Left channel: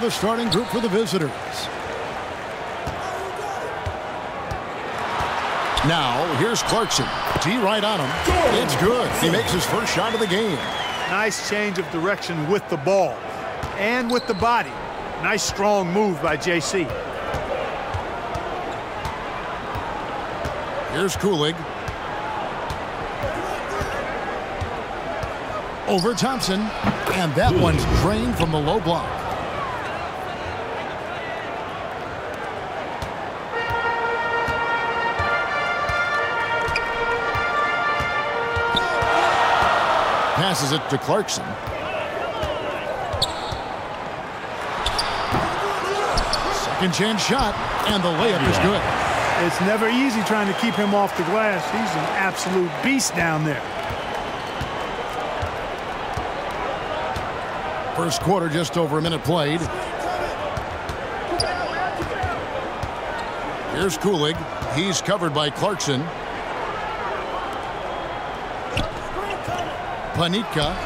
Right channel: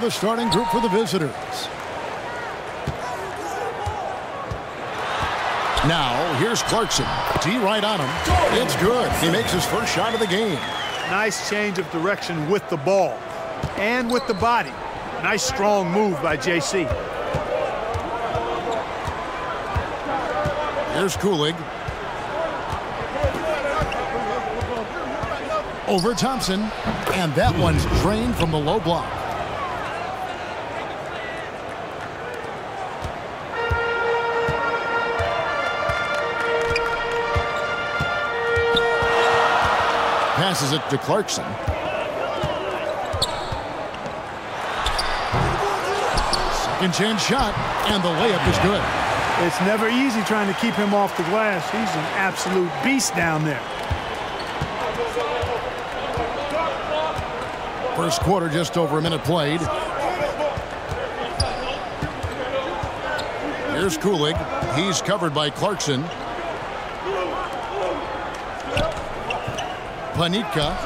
the starting group for the visitors. Now, here's Clarkson. D right on him. It's good. He makes his first shot of the game. Nice change of direction with the ball and with the body. Nice strong move by JC. Here's Kulig. Over Thompson. And that one's drained from the low block. Passes it to Clarkson. Second chance shot, and the layup is good. It's never easy trying to keep him off the glass. He's an absolute beast down there. First quarter, just over a minute played. Here's Kulig. He's covered by Clarkson. Panitka.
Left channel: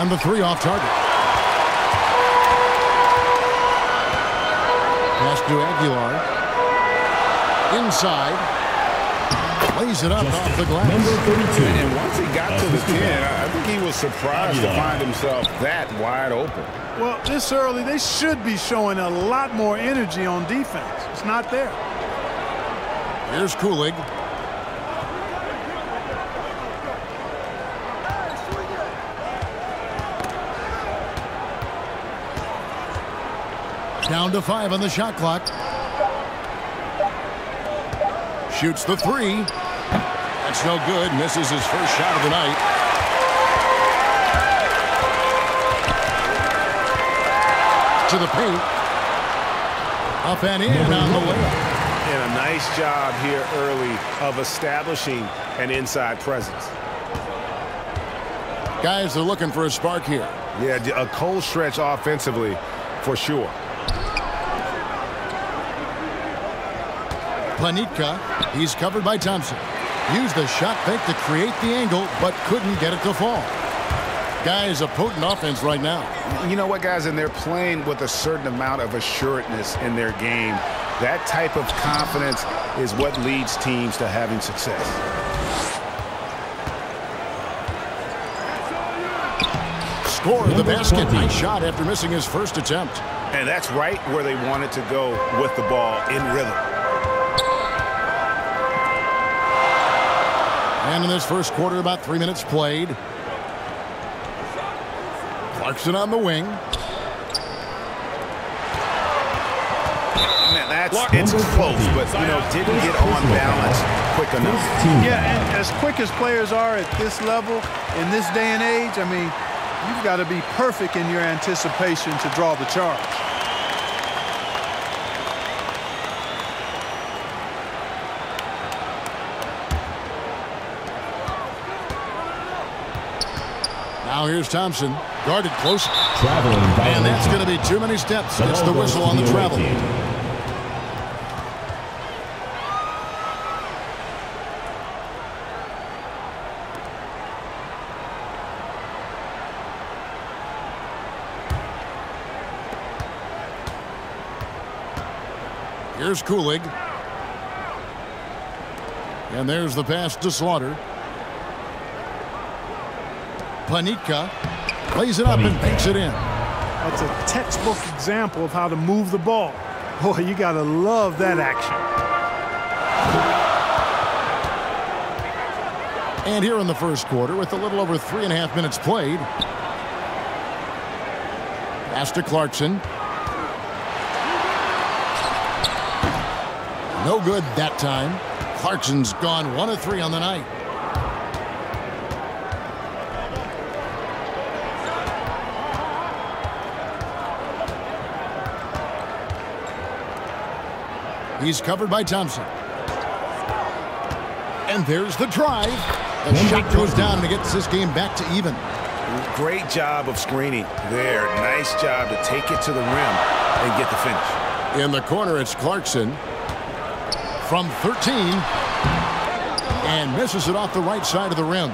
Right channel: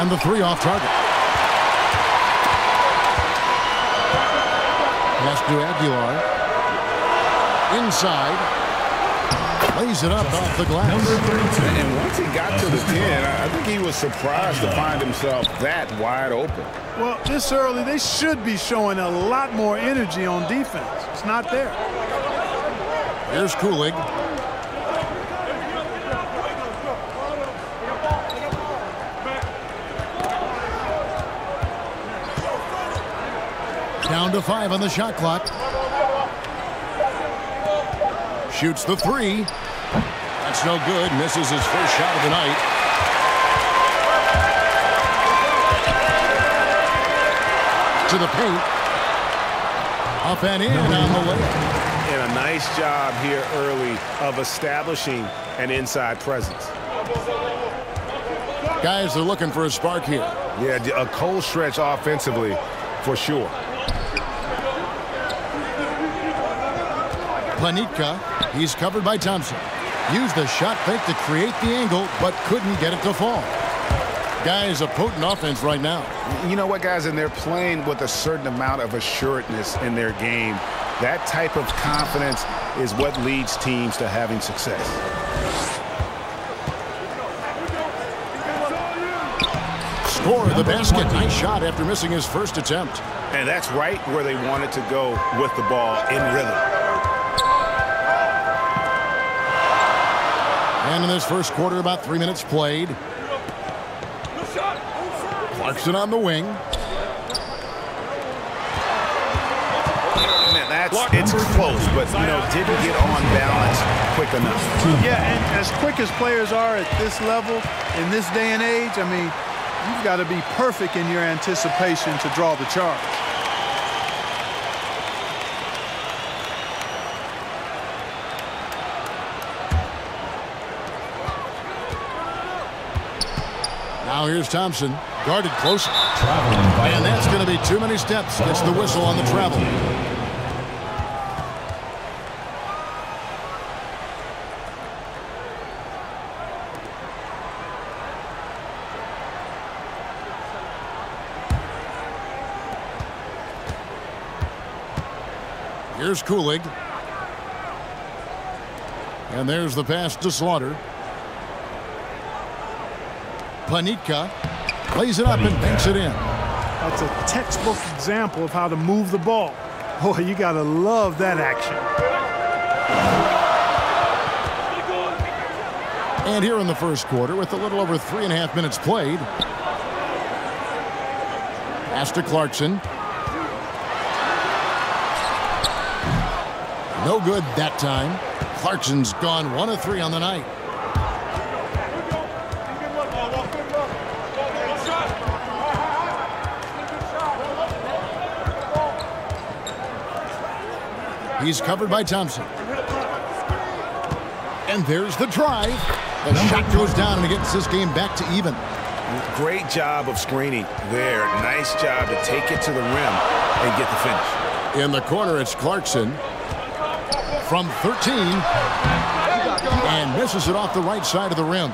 And the three off target. Pass to Aguilar. Inside. Lays it up off the glass. Number 32. And once he got to the 10, I think he was surprised to find himself that wide open. Well, this early, they should be showing a lot more energy on defense. It's not there. Here's Kulig. Down to 5 on the shot clock. Shoots the three. That's no good. Misses his first shot of the night. To the paint. Up and in on the layup. And a nice job here early of establishing an inside presence. Guys, they're looking for a spark here. Yeah, a cold stretch offensively for sure. Panitka, he's covered by Thompson. Used the shot fake to create the angle, but couldn't get it to fall. Guys, a potent offense right now. You know what, guys? And they're playing with a certain amount of assuredness in their game. That type of confidence is what leads teams to having success. Score the basket. Nice shot after missing his first attempt. And that's right where they wanted to go with the ball in rhythm. And in this first quarter, about 3 minutes played. Clarkson on the wing. Man, it's close, but, you know, didn't get on balance quick enough. Yeah, and as quick as players are at this level, in this day and age, I mean, you've got to be perfect in your anticipation to draw the charge. Now here's Thompson, guarded close. And that's going to be too many steps. Gets the whistle on the travel. Here's Kulig. And there's the pass to Slaughter. Panitka plays it up and banks it in. That's a textbook example of how to move the ball. Boy, you got to love that action. And here in the first quarter, with a little over 3.5 minutes played. Pass to Clarkson. No good that time. Clarkson's gone 1 of 3 on the night. He's covered by Thompson. And there's the drive. The shot goes down and it gets this game back to even. Great job of screening there. Nice job to take it to the rim and get the finish. In the corner, it's Clarkson. From 13. And misses it off the right side of the rim.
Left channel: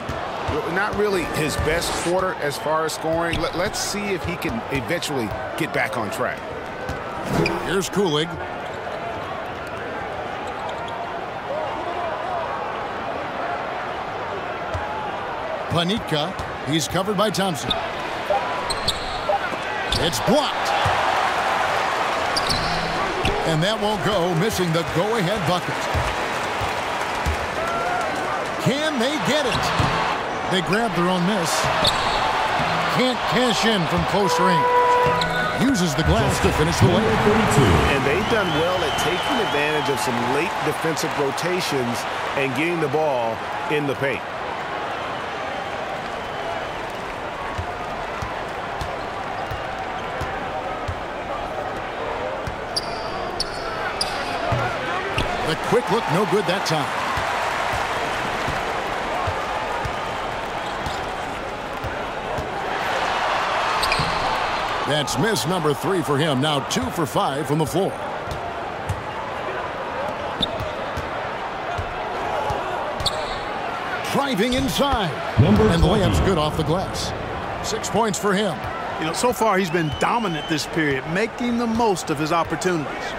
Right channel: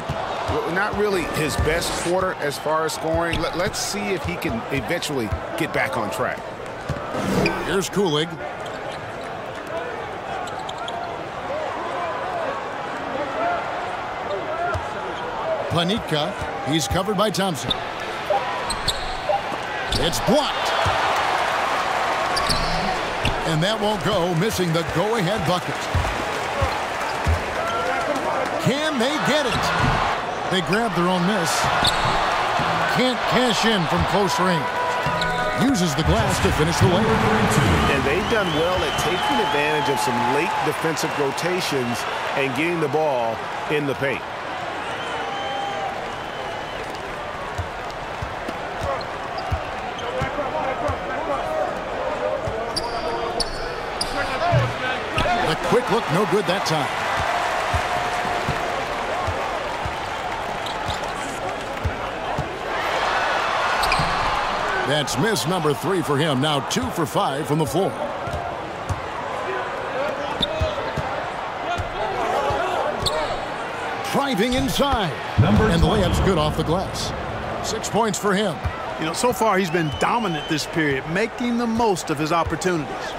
Not really his best quarter as far as scoring. Let's see if he can eventually get back on track. Here's Kulig. Panitka. He's covered by Thompson. It's blocked. And that won't go, missing the go-ahead bucket. Can they get it? They grab their own miss. Can't cash in from close range. Uses the glass to finish the layup. And they've done well at taking advantage of some late defensive rotations and getting the ball in the paint. The quick look, no good that time. That's miss number 3 for him. Now 2 for 5 from the floor. Driving inside. And the layup's good off the glass. 6 points for him. You know, so far he's been dominant this period, making the most of his opportunities.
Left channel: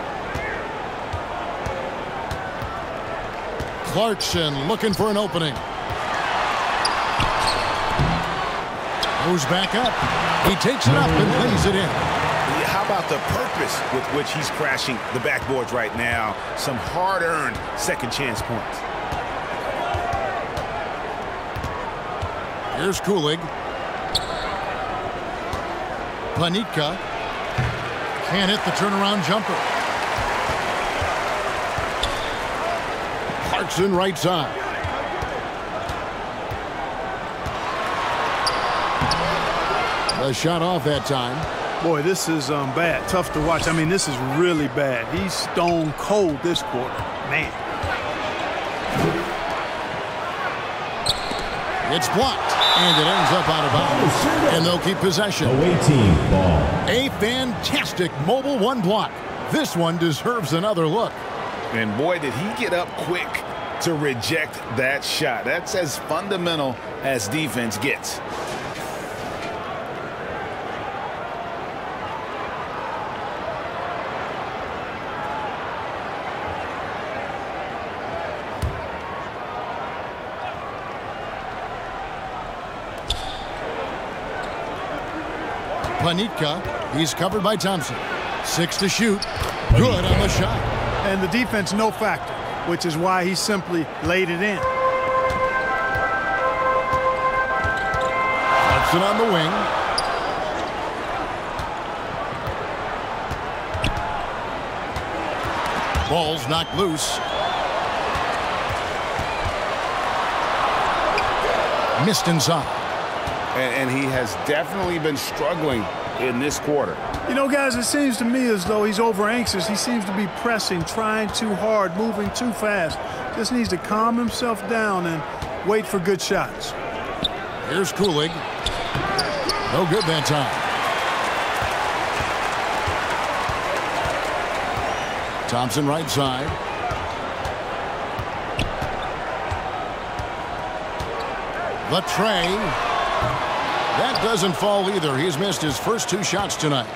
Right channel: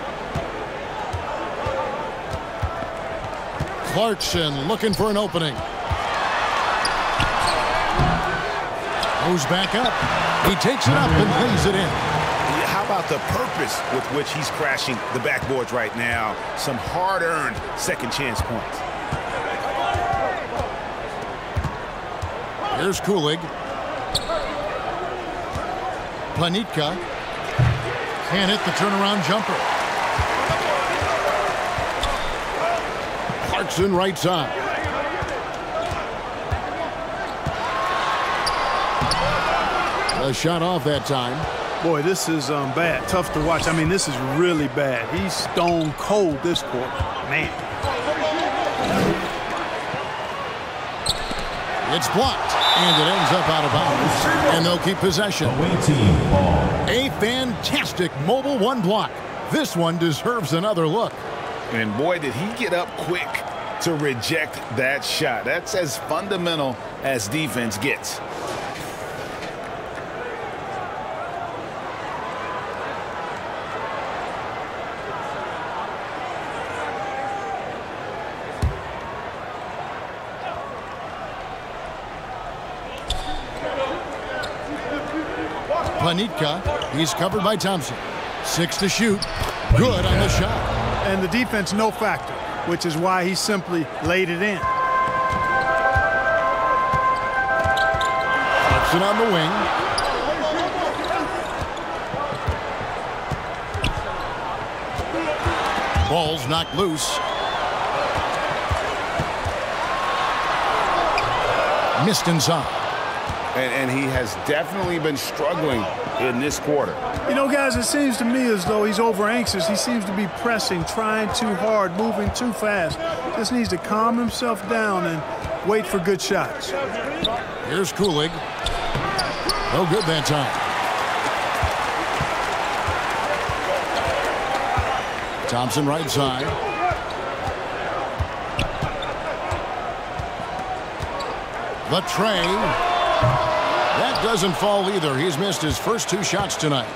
Clarkson looking for an opening. Goes back up. He takes it up and lays it in. How about the purpose with which he's crashing the backboards right now? Some hard-earned second chance points. Here's Kulig. Panitka can't hit the turnaround jumper. Clarkson right side. A shot off that time. Boy, this is bad. Tough to watch. I mean, this is really bad. He's stone cold this quarter. Man. It's blocked, and it ends up out of bounds. And they'll keep possession. Away team ball. A fantastic mobile one block. This one deserves another look. And boy, did he get up quick to reject that shot. That's as fundamental as defense gets. Panitka, he's covered by Thompson. 6 to shoot. Good on the shot. And the defense no factor, which is why he simply laid it in. Clarkson on the wing. Ball's knocked loose. Missed inside. And he has definitely been struggling in this quarter. You know, guys, it seems to me as though he's over anxious. He seems to be pressing, trying too hard, moving too fast. Just needs to calm himself down and wait for good shots. Here's Kulig. No good that time. Thompson right side. The tray. That doesn't fall either. He's missed his first 2 shots tonight.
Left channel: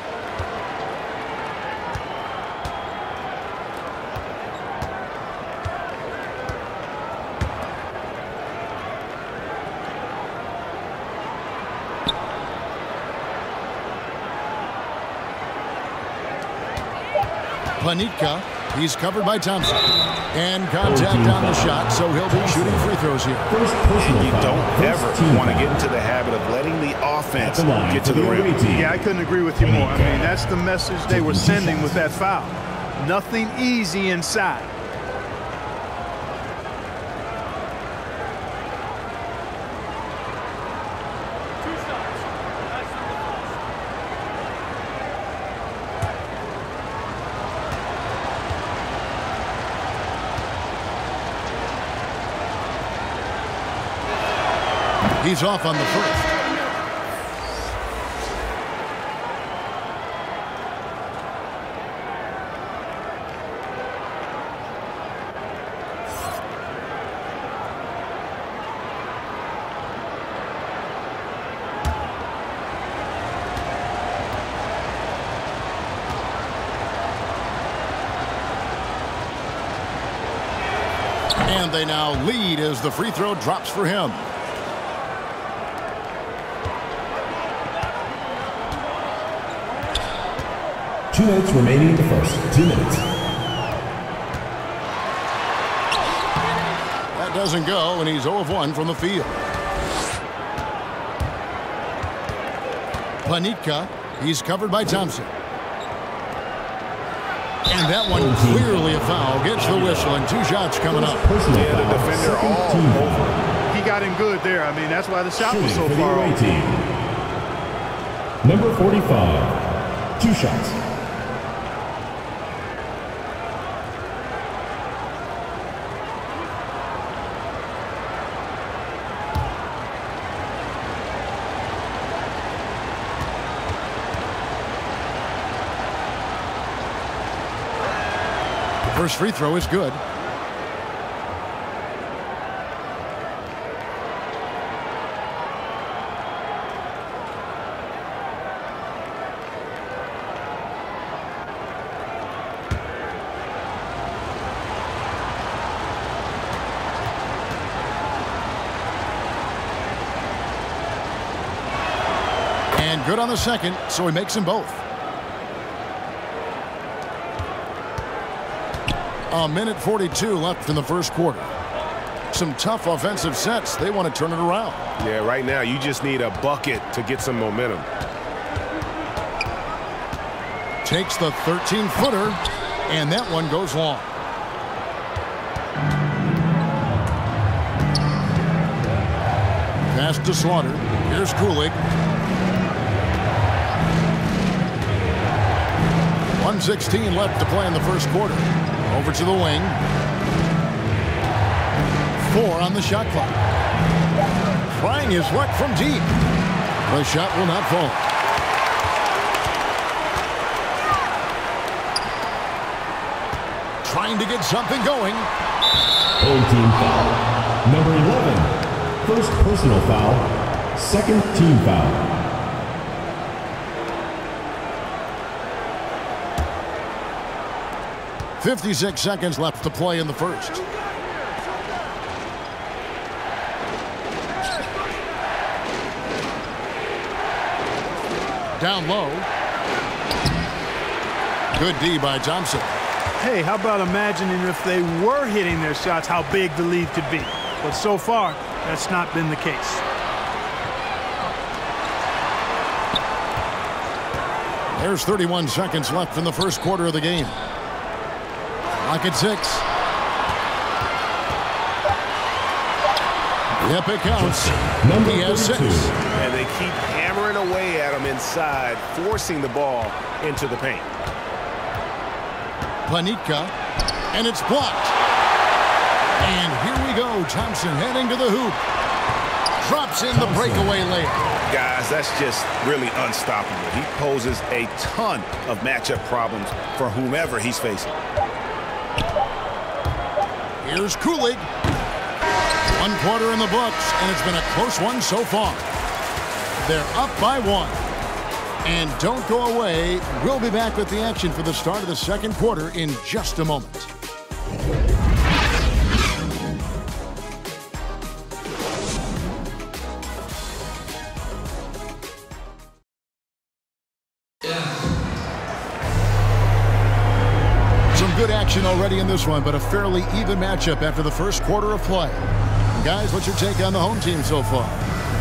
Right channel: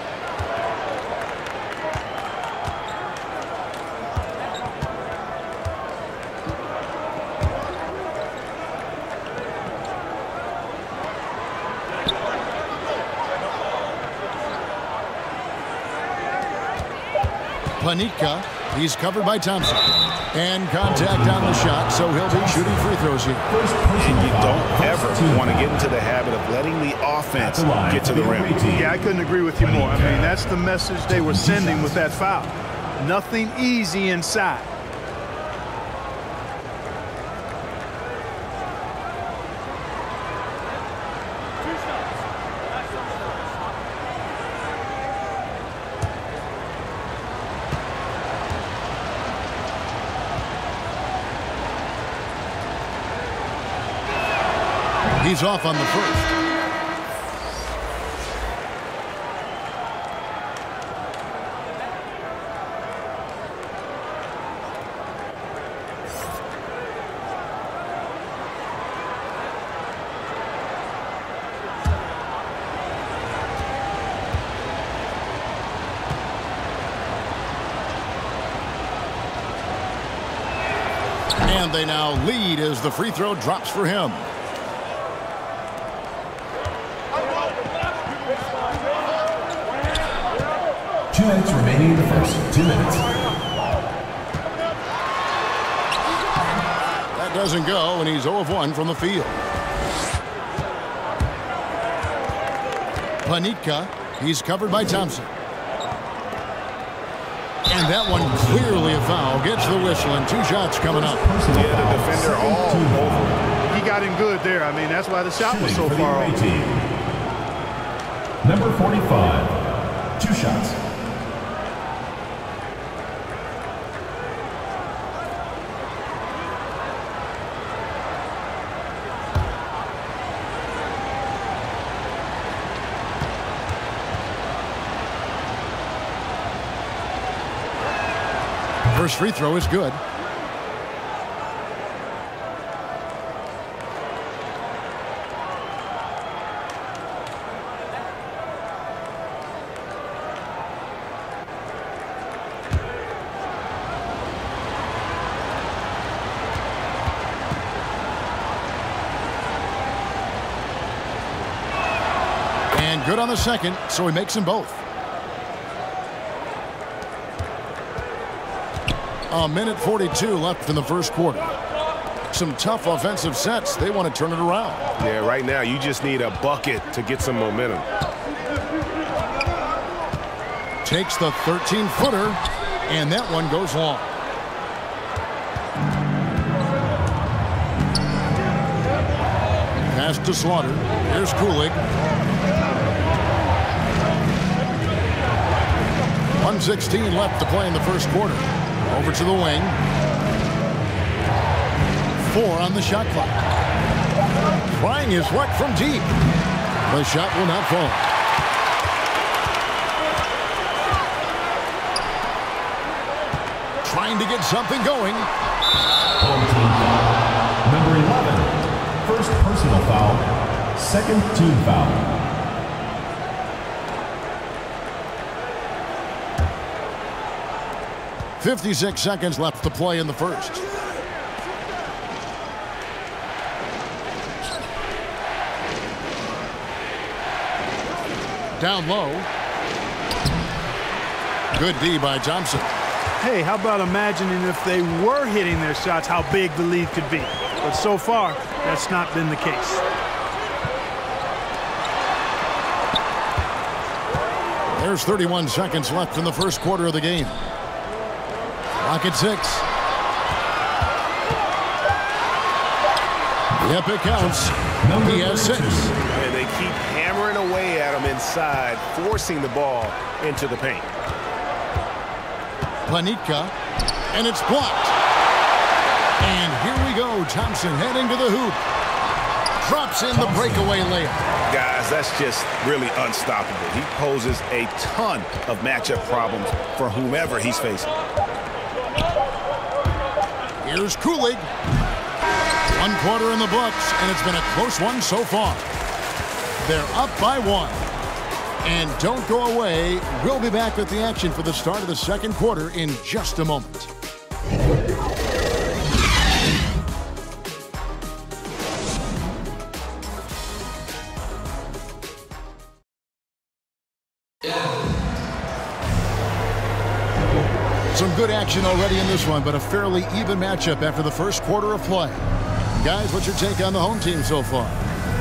Panitka, he's covered by Thompson. And contact on the shot, so he'll be shooting free throws here. And you don't ever want to get into the habit of letting the offense get to the rim. Yeah, I couldn't agree with you more. I mean, that's the message they were sending with that foul. Nothing easy inside. He's off on the first. And they now lead as the free throw drops for him. Two minutes remaining in the first. 2 minutes. That doesn't go, and he's 0 of 1 from the field. Panitka, he's covered by Thompson. And that one clearly a foul. Gets the whistle, and 2 shots coming up. Yeah, the defender all over it. He got him good there. I mean, that's why the shot was so far off. Number 45, 2 shots. First free throw is good. And good on the second, so he makes them both. A minute 42 left in the first quarter. Some tough offensive sets. They want to turn it around. Yeah, right now you just need a bucket to get some momentum. Takes the 13-footer, and that one goes long. Pass to Slaughter. Here's Kulig. 1:16 left to play in the first quarter. Over to the wing. 4 on the shot clock. Trying his luck from deep. The shot will not fall. Trying to get something going. Home team foul. Number 11, first personal foul, second team foul. 56 seconds left to play in the first. Down low. Good D by Thompson. Hey, how about imagining if they were hitting their shots, how big the lead could be. But so far, that's not been the case. There's 31 seconds left in the first quarter of the game. Clock at 6. Yep, it counts. He has 6. And they keep hammering away at him inside, forcing the ball into the paint. Panitka, and it's blocked. And here we go. Thompson heading to the hoop. Drops in the breakaway layup. Guys, that's just really unstoppable. He poses a ton of matchup problems for whomever he's facing. Here's Kulig. 1 quarter in the books, and it's been a close one so far. They're up by 1. And don't go away. We'll be back with the action for the start of the second quarter in just a moment. Some good action already in this one, but a fairly even matchup after the first quarter of play. Guys, what's your take on the home team so far?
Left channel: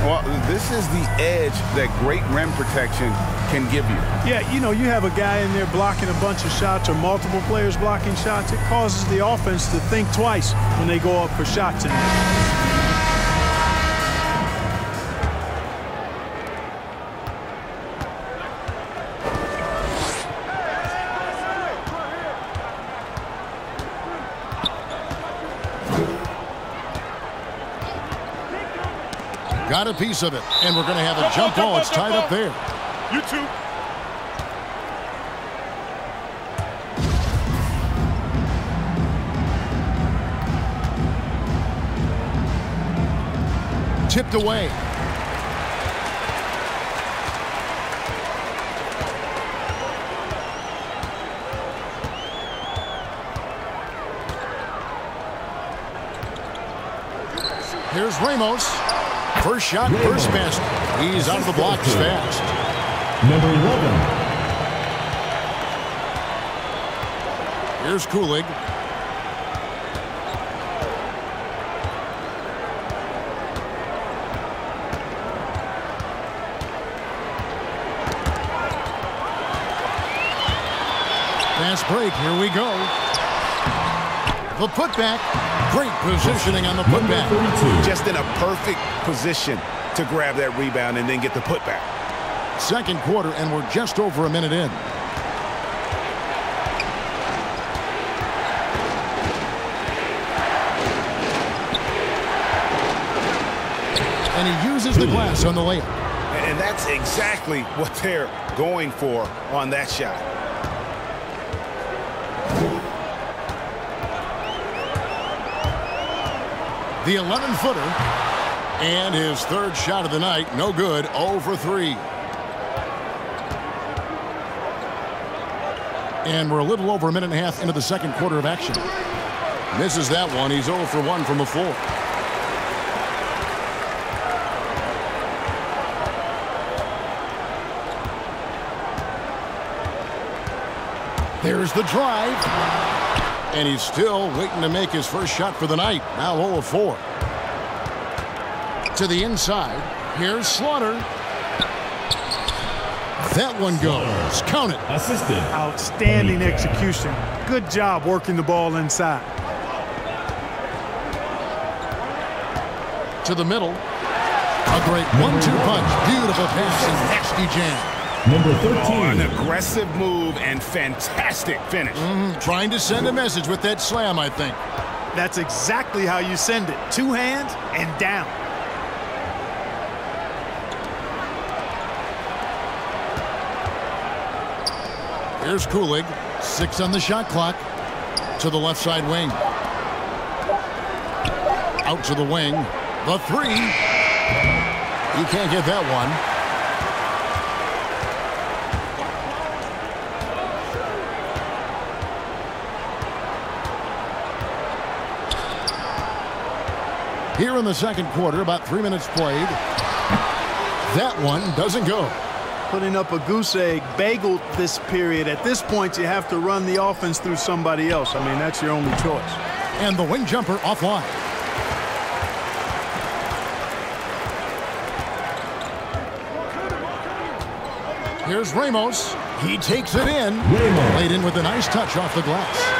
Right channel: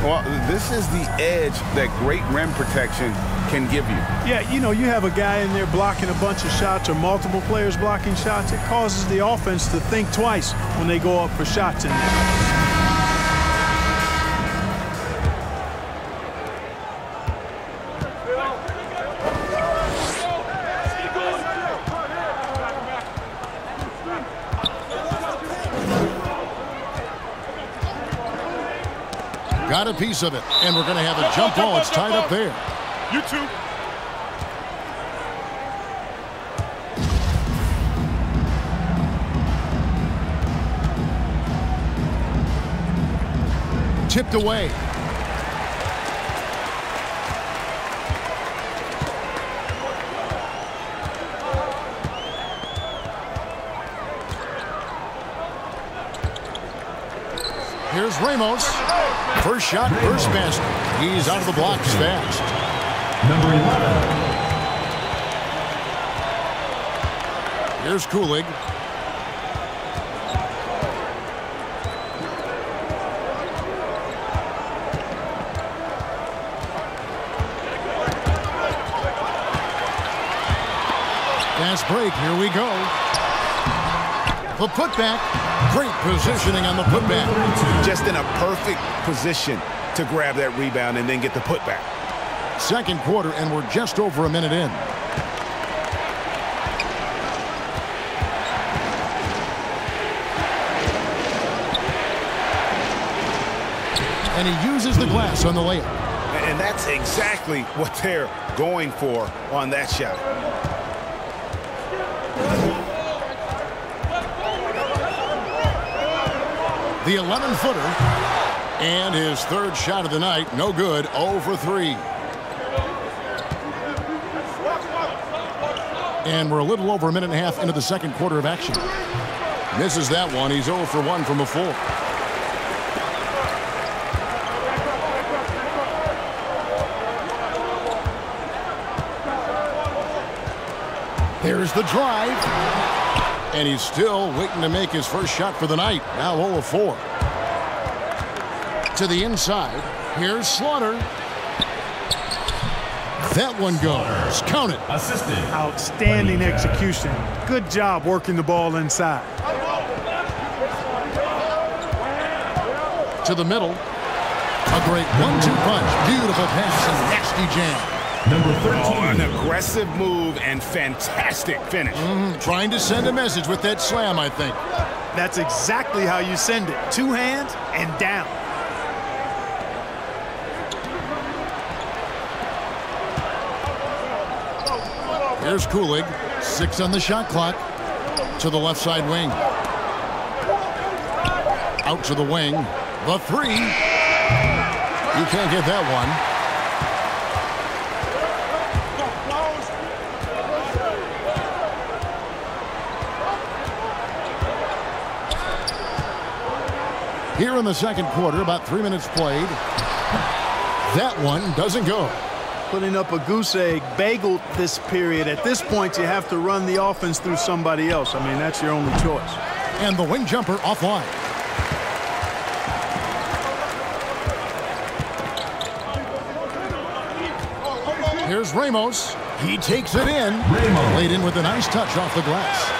Well, this is the edge that great rim protection can give you. Yeah, you know, you have a guy in there blocking a bunch of shots or multiple players blocking shots. It causes the offense to think twice when they go up for shots in there. Got a piece of it, and we're going to have a jump ball. It's tied up there. You too. Tipped away. Here's Ramos. First shot, first basket. He's out of the blocks fast. Number 11. Here's Kulig. Fast break, here we go. The putback. Great positioning on the putback. Just in a perfect position to grab that rebound and then get the putback. Second quarter, and we're just over a minute in. And he uses the glass on the layup. And that's exactly what they're going for on that shot. The 11-footer. And his third shot of the night, no good, 0 for 3. And we're a little over a minute and a half into the second quarter of action. Misses that one. He's 0 for 1 from the floor. There's the drive. And he's still waiting to make his first shot for the night. Now 0 of 4. To the inside. Here's Slaughter. That one goes. Count it. Assisted. Outstanding execution. Good job working the ball inside. To the middle. A great 1-2 punch. Beautiful pass and nasty jam. Number 13. Oh, an aggressive move and fantastic finish. Trying to send a message with that slam, I think. That's exactly how you send it. 2 hands and down. Here's Kulig. 6 on the shot clock. To the left side wing. Out to the wing. The 3. You can't get that one. Here in the second quarter, about 3 minutes played. That one doesn't go. Putting up a goose egg, bageled this period. At this point, you have to run the offense through somebody else. I mean, that's your only choice. And the wing jumper offline. Here's Ramos. He takes it in. Ramos. Laid in with a nice touch off the glass.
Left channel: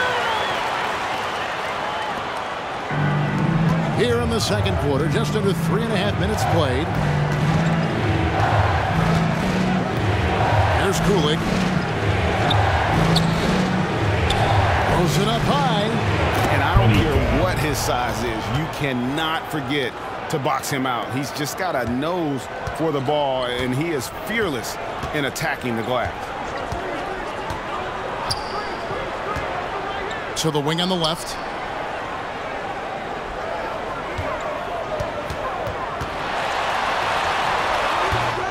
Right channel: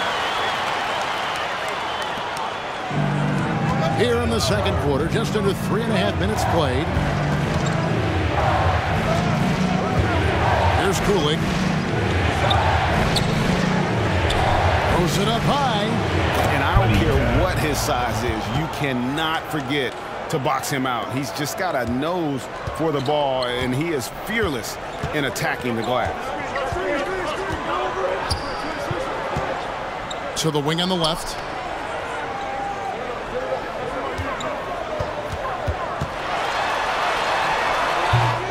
Here in the second quarter, just under 3.5 minutes played. Here's Kulig. Throws it up high. And I don't care what his size is. You cannot forget to box him out. He's just got a nose for the ball, and he is fearless in attacking the glass. To the wing on the left.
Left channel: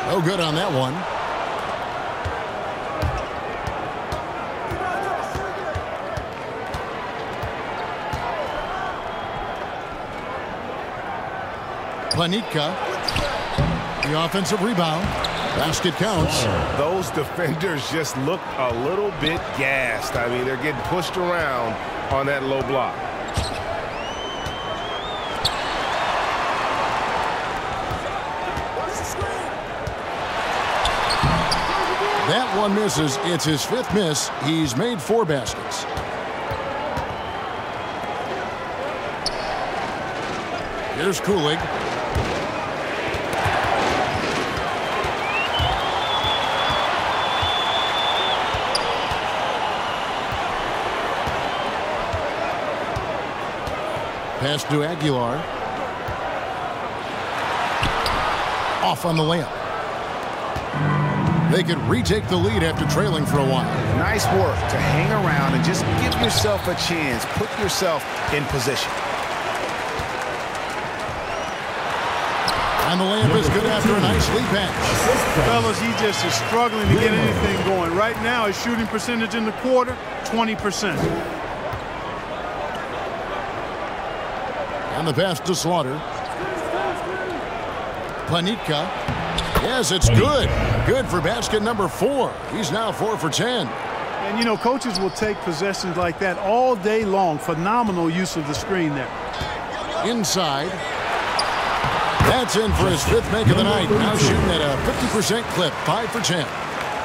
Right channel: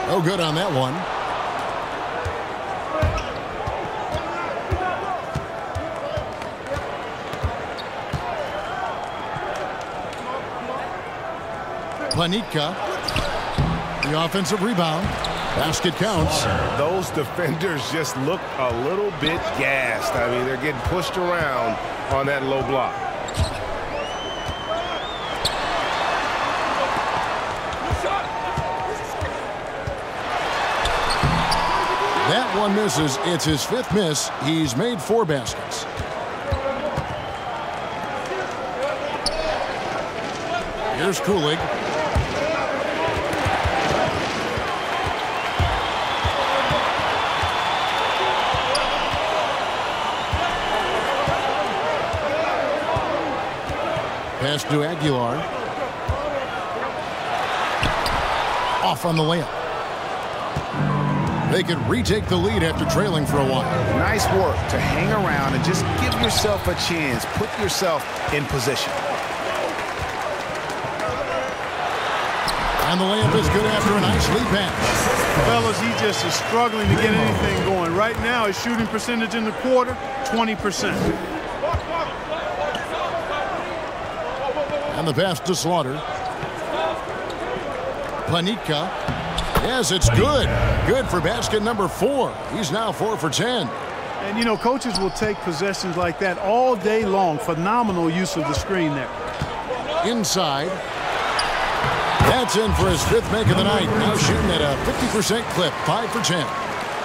No good on that one. Planitka. The offensive rebound. Basket counts. Those defenders just look a little bit gassed. I mean, they're getting pushed around on that low block. That one misses. It's his 5th miss. He's made 4 baskets. Here's Kulig. Pass to Aguilar. Off on the layup. They could retake the lead after trailing for a while. Nice work to hang around and just give yourself a chance. Put yourself in position. And the layup is good after a nice lead pass. Fellas, he just is struggling to get anything going. Right now, his shooting percentage in the quarter, 20%. And the pass to Slaughter. Panica. Yes, it's good. Good for basket number 4. He's now 4 for 10. And, you know, coaches will take possessions like that all day long. Phenomenal use of the screen there. Inside. That's in for his 5th make of the night. Now shooting at a 50% clip, 5 for 10.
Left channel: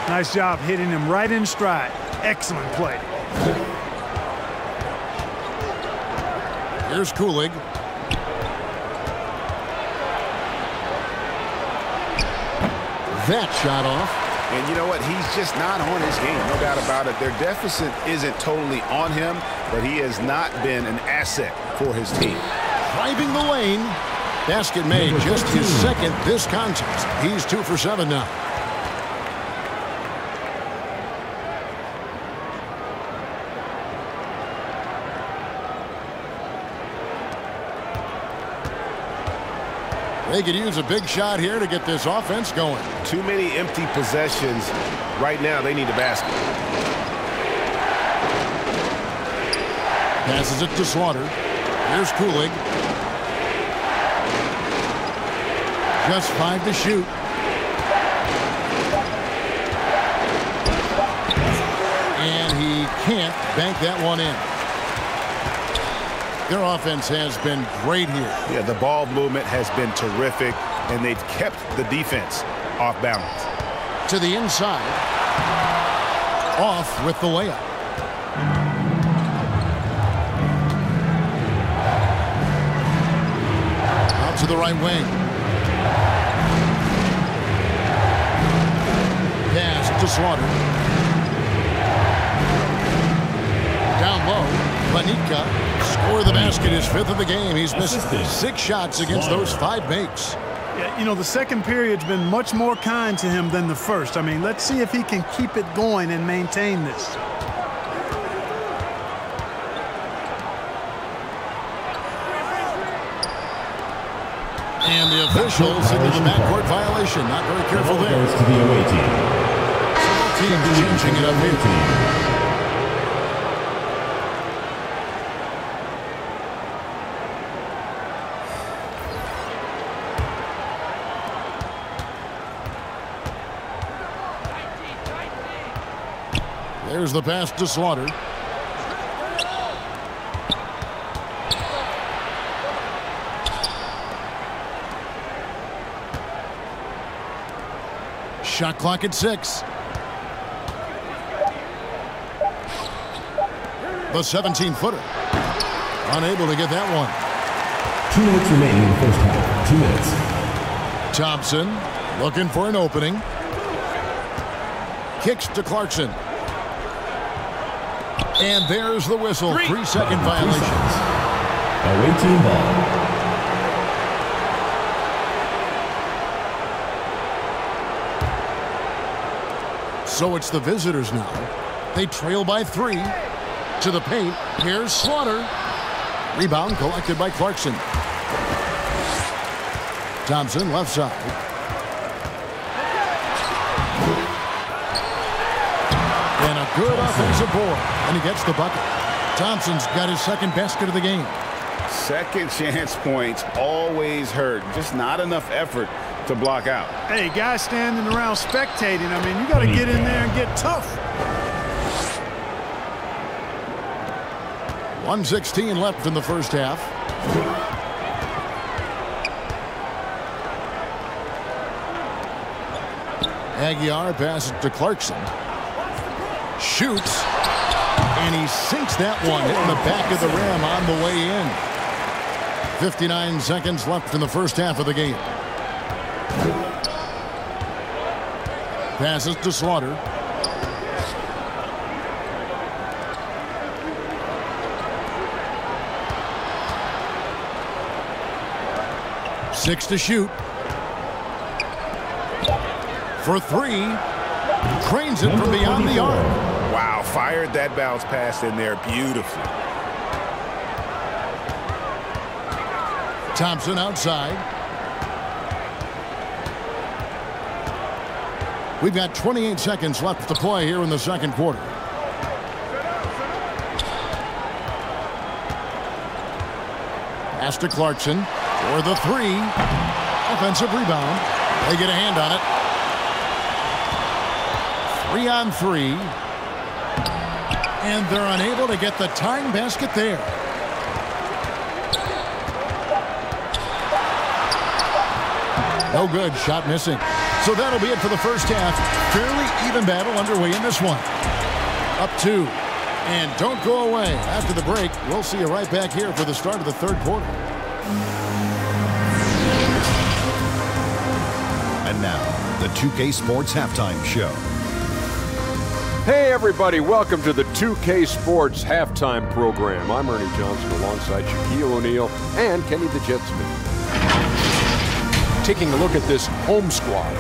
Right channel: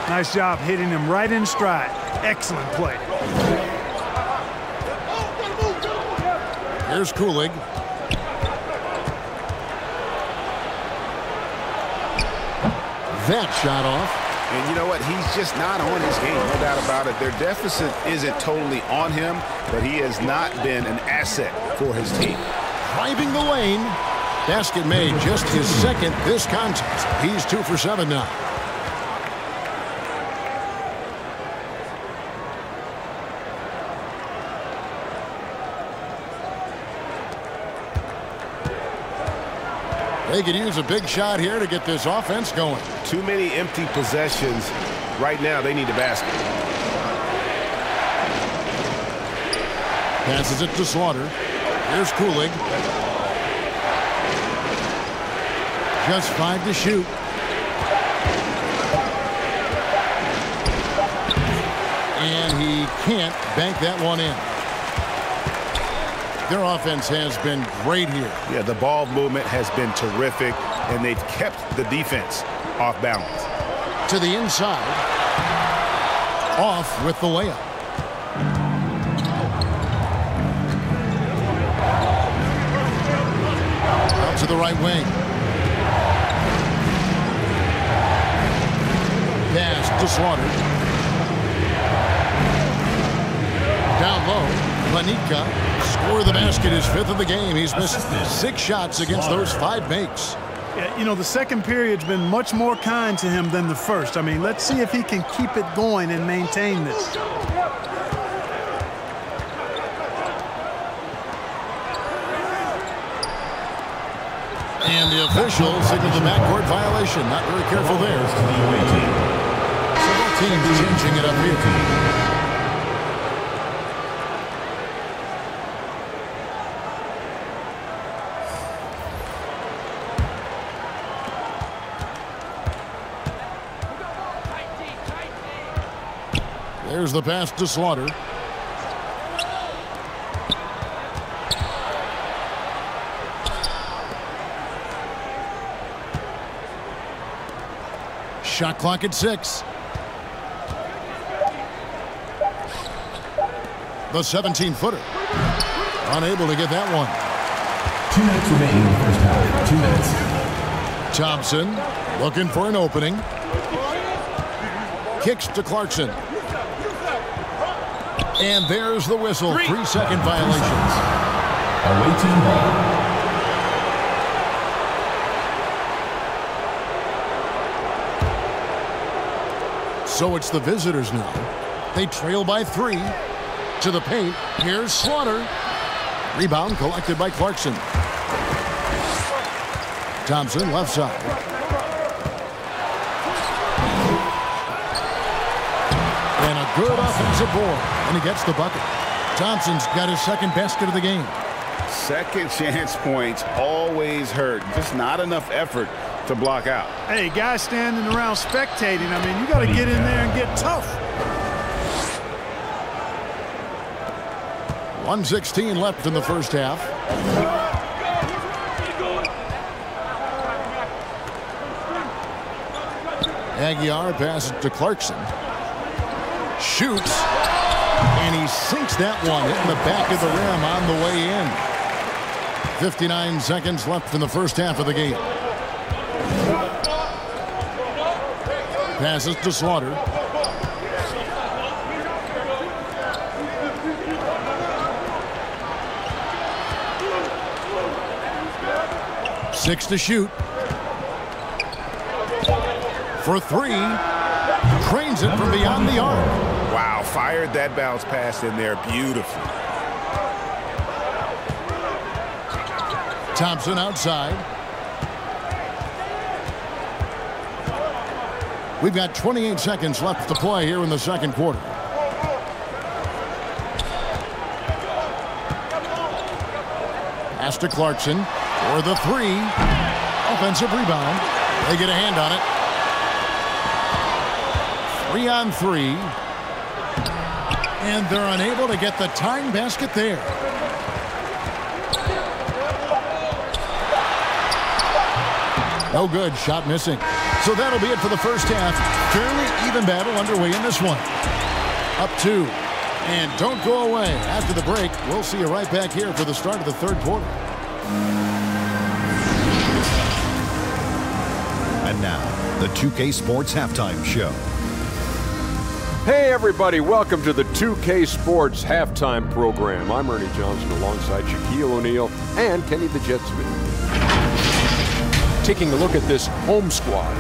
Nice job hitting him right in stride. Excellent play. Here's Kulig. That shot off. And you know what? He's just not on his game, no doubt about it. Their deficit isn't totally on him, but he has not been an asset for his team. Driving the lane. Basket made, just his 2nd this contest. He's 2 for 7 now. They could use a big shot here to get this offense going. Too many empty possessions. Right now, they need a basket. Passes it to Slaughter. Here's Kulig. Just 5 to shoot. And he can't bank that one in. Their offense has been great here. Yeah, the ball movement has been terrific, and they've kept the defense off balance. To the inside. Off with the layup. Out to the right wing. Pass to Slaughter. Down low. Panica. Score the basket, his 5th of the game. He's missed 6 shots against those 5 makes. Yeah, you know, the second period's been much more kind to him than the first. I mean, let's see if he can keep it going and maintain this. And the official signaled the backcourt violation. Not very careful there. To the away team. So both teams changing it up here. There's the pass to Slaughter. Shot clock at 6. The 17-footer. Unable to get that one. 2 minutes remaining in the first half. 2 minutes. Thompson looking for an opening. Kicks to Clarkson. And there's the whistle. 3-second violations. Away team ball. So it's the visitors now. They trail by 3. To the paint. Here's Slaughter. Rebound collected by Clarkson. Thompson left side. And a good offensive board. And he gets the bucket. Thompson's got his 2nd basket of the game. Second chance points always hurt. Just not enough effort to block out. Hey, guys standing around spectating. I mean, you got to get in there and get tough. 1:16 left in the first half. Aguiar passes to Clarkson. Shoots. And he sinks that one, hitting the back of the rim on the way in. 59 seconds left in the first half of the game. Passes to Slaughter. Six to shoot. For 3. Trains it from beyond the arc. Wow, fired that bounce pass in there beautifully. Thompson outside. We've got 28 seconds left to play here in the second quarter. Pass to Clarkson for the 3. offensive rebound. They get a hand on it. 3-on-3. And they're unable to get the tying basket there. No good. Shot missing. So that'll be it for the first half. Fairly even battle underway in this one. Up 2. And don't go away. After the break, we'll see you right back here for the start of the third quarter. And now, the 2K Sports Halftime Show. Hey everybody, welcome to the 2K Sports Halftime Program. I'm Ernie Johnson alongside Shaquille O'Neal and Kenny the Jet Smith. Taking a look at this home squad.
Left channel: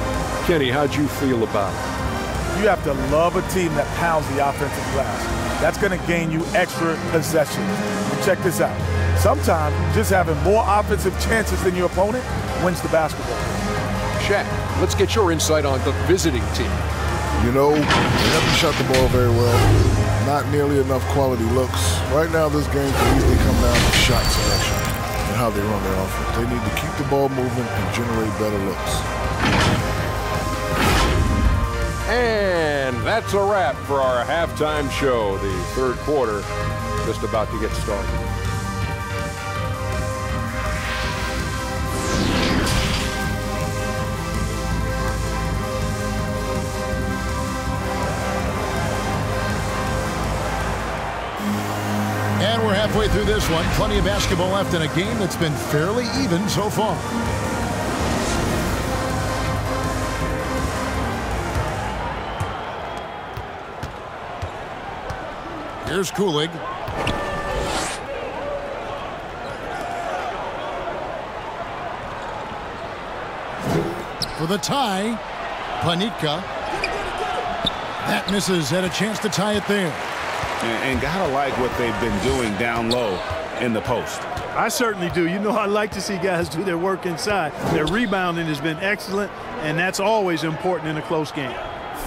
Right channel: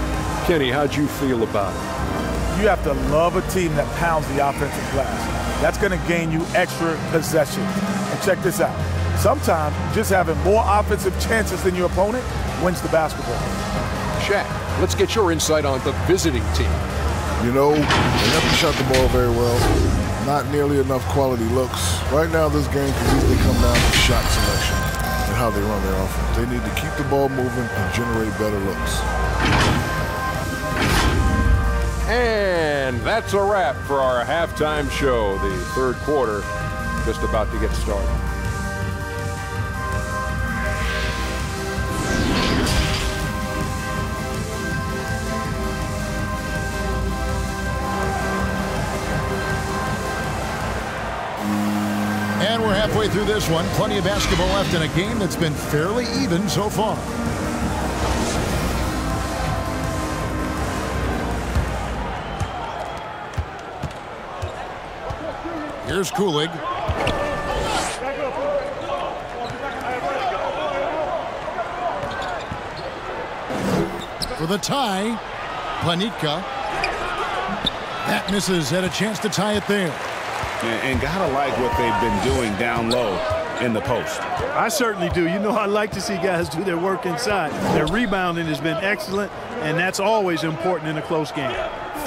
Kenny, how'd you feel about it? You have to love a team that pounds the offensive glass. That's going to gain you extra possessions. And check this out. Sometimes just having more offensive chances than your opponent wins the basketball. Shaq, let's get your insight on the visiting team. You know, they haven't shot the ball very well. Not nearly enough quality looks. Right now, this game can easily come down to shot selection and how they run their offense. They need to keep the ball moving and generate better looks. And that's a wrap for our halftime show. The third quarter just about to get started. And we're halfway through this one. Plenty of basketball left in a game that's been fairly even so far. Here's Kulig. For the tie, Panitka. That misses. Had a chance to tie it there. And gotta like what they've been doing down low in the post. I certainly do. You know, I like to see guys do their work inside. Their rebounding has been excellent, and that's always important in a close game.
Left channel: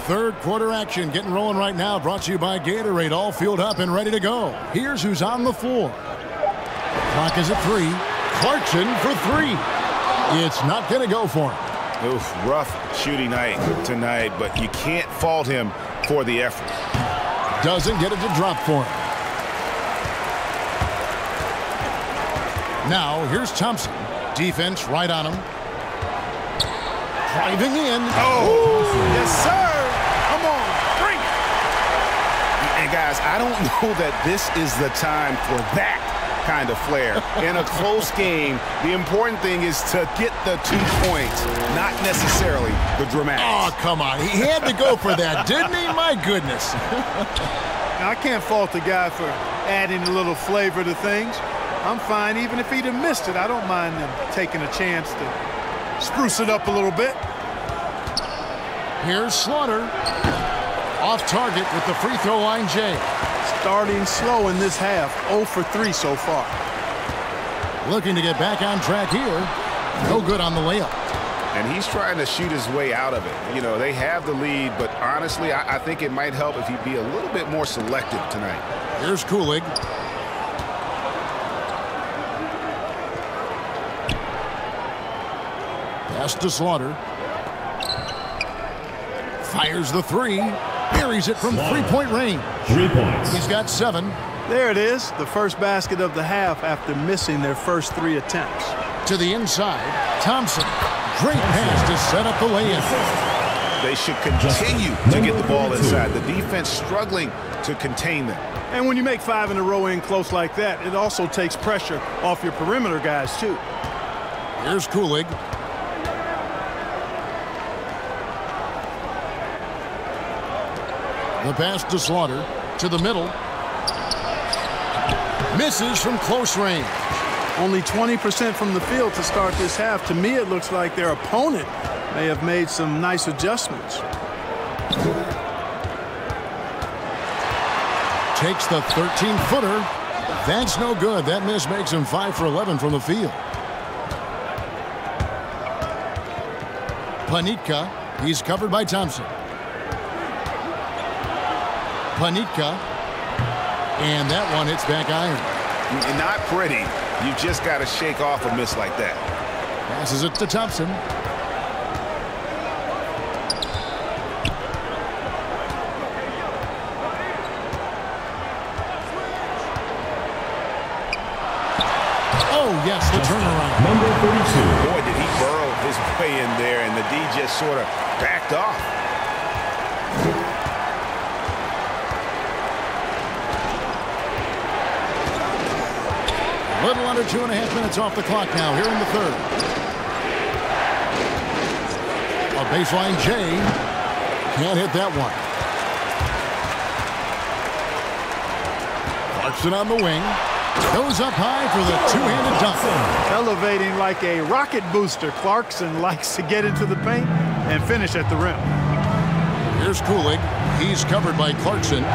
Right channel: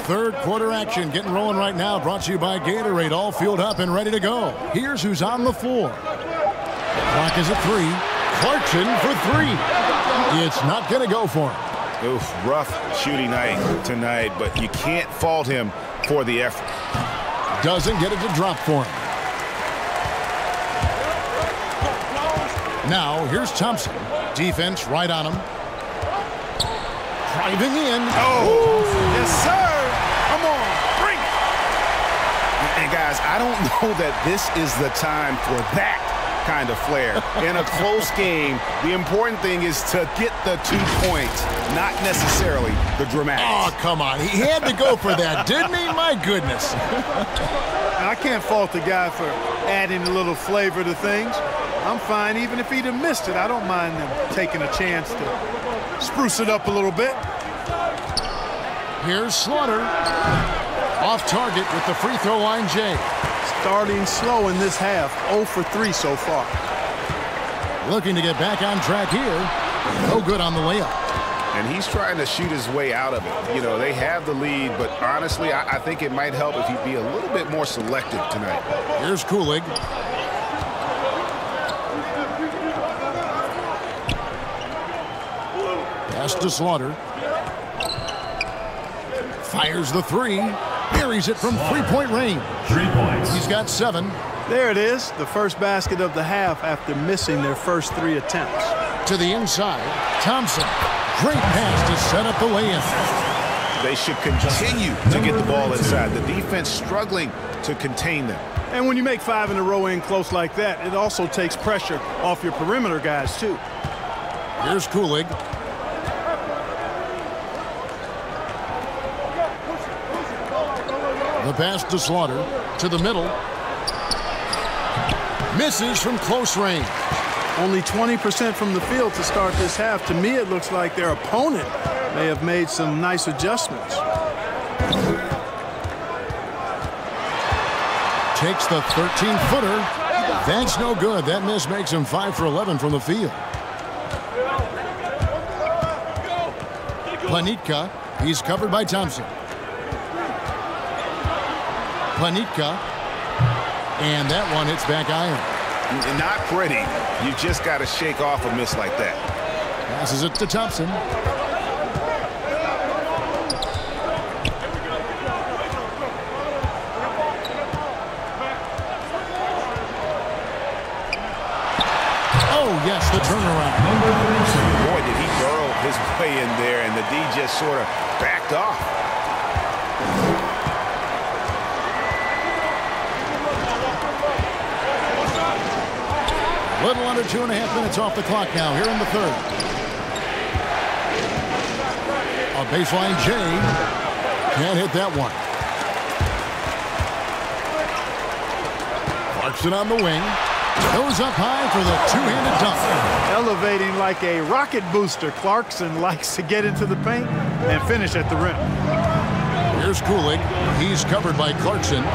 Third quarter action getting rolling right now. Brought to you by Gatorade. All fueled up and ready to go. Here's who's on the floor. Clock is at 3. Clarkson for 3. It's not going to go for him. Oof, rough shooting night tonight, but you can't fault him for the effort. Doesn't get it to drop for him. Now, here's Thompson. Defense right on him. Driving in. Oh, yes, sir. Come on, bring it. And, guys, I don't know that this is the time for that kind of flair. In a close game, the important thing is to get the 2 points, not necessarily the dramatics. Oh, come on. He had to go for that, didn't he? My goodness. I can't fault the guy for adding a little flavor to things. I'm fine. Even if he'd have missed it, I don't mind them taking a chance to spruce it up a little bit. Here's Slaughter. Off target with the free throw line, Jay. Starting slow in this half, 0 for 3 so far. Looking to get back on track here. No good on the layup. And he's trying to shoot his way out of it. You know, they have the lead, but honestly, I think it might help if he'd be a little bit more selective tonight. Here's Kulig. Pass to Slaughter. Fires the 3. Buries it from three-point range. 3 points. He's got 7. There it is, the first basket of the half after missing their first 3 attempts. To the inside, Thompson. Great pass to set up the lay-in. They should continue to get the ball inside. The defense struggling to contain them. And when you make 5 in a row in close like that, it also takes pressure off your perimeter guys, too. Here's Kulig. The pass to Slaughter. To the middle. Misses from close range. Only 20% from the field to start this half. To me, it looks like their opponent may have made some nice adjustments. Takes the 13-footer. That's no good. That miss makes him 5 for 11 from the field. Panitka. He's covered by Thompson. Panitka. And that one hits back iron. Not pretty. You've just got to shake off a miss like that. Passes it to Thompson. Oh, yes, the turnaround. Number 32. Boy, did he burrow his way in there, and the D just sort of backed off. A little under 2.5 minutes off the clock now here in the third. A baseline J. Can't hit that one. Clarkson on the wing. Goes up high for the two-handed dunk. Elevating like a rocket booster. Clarkson likes to get into the paint and finish at the rim. Here's Kulig. He's covered by Clarkson.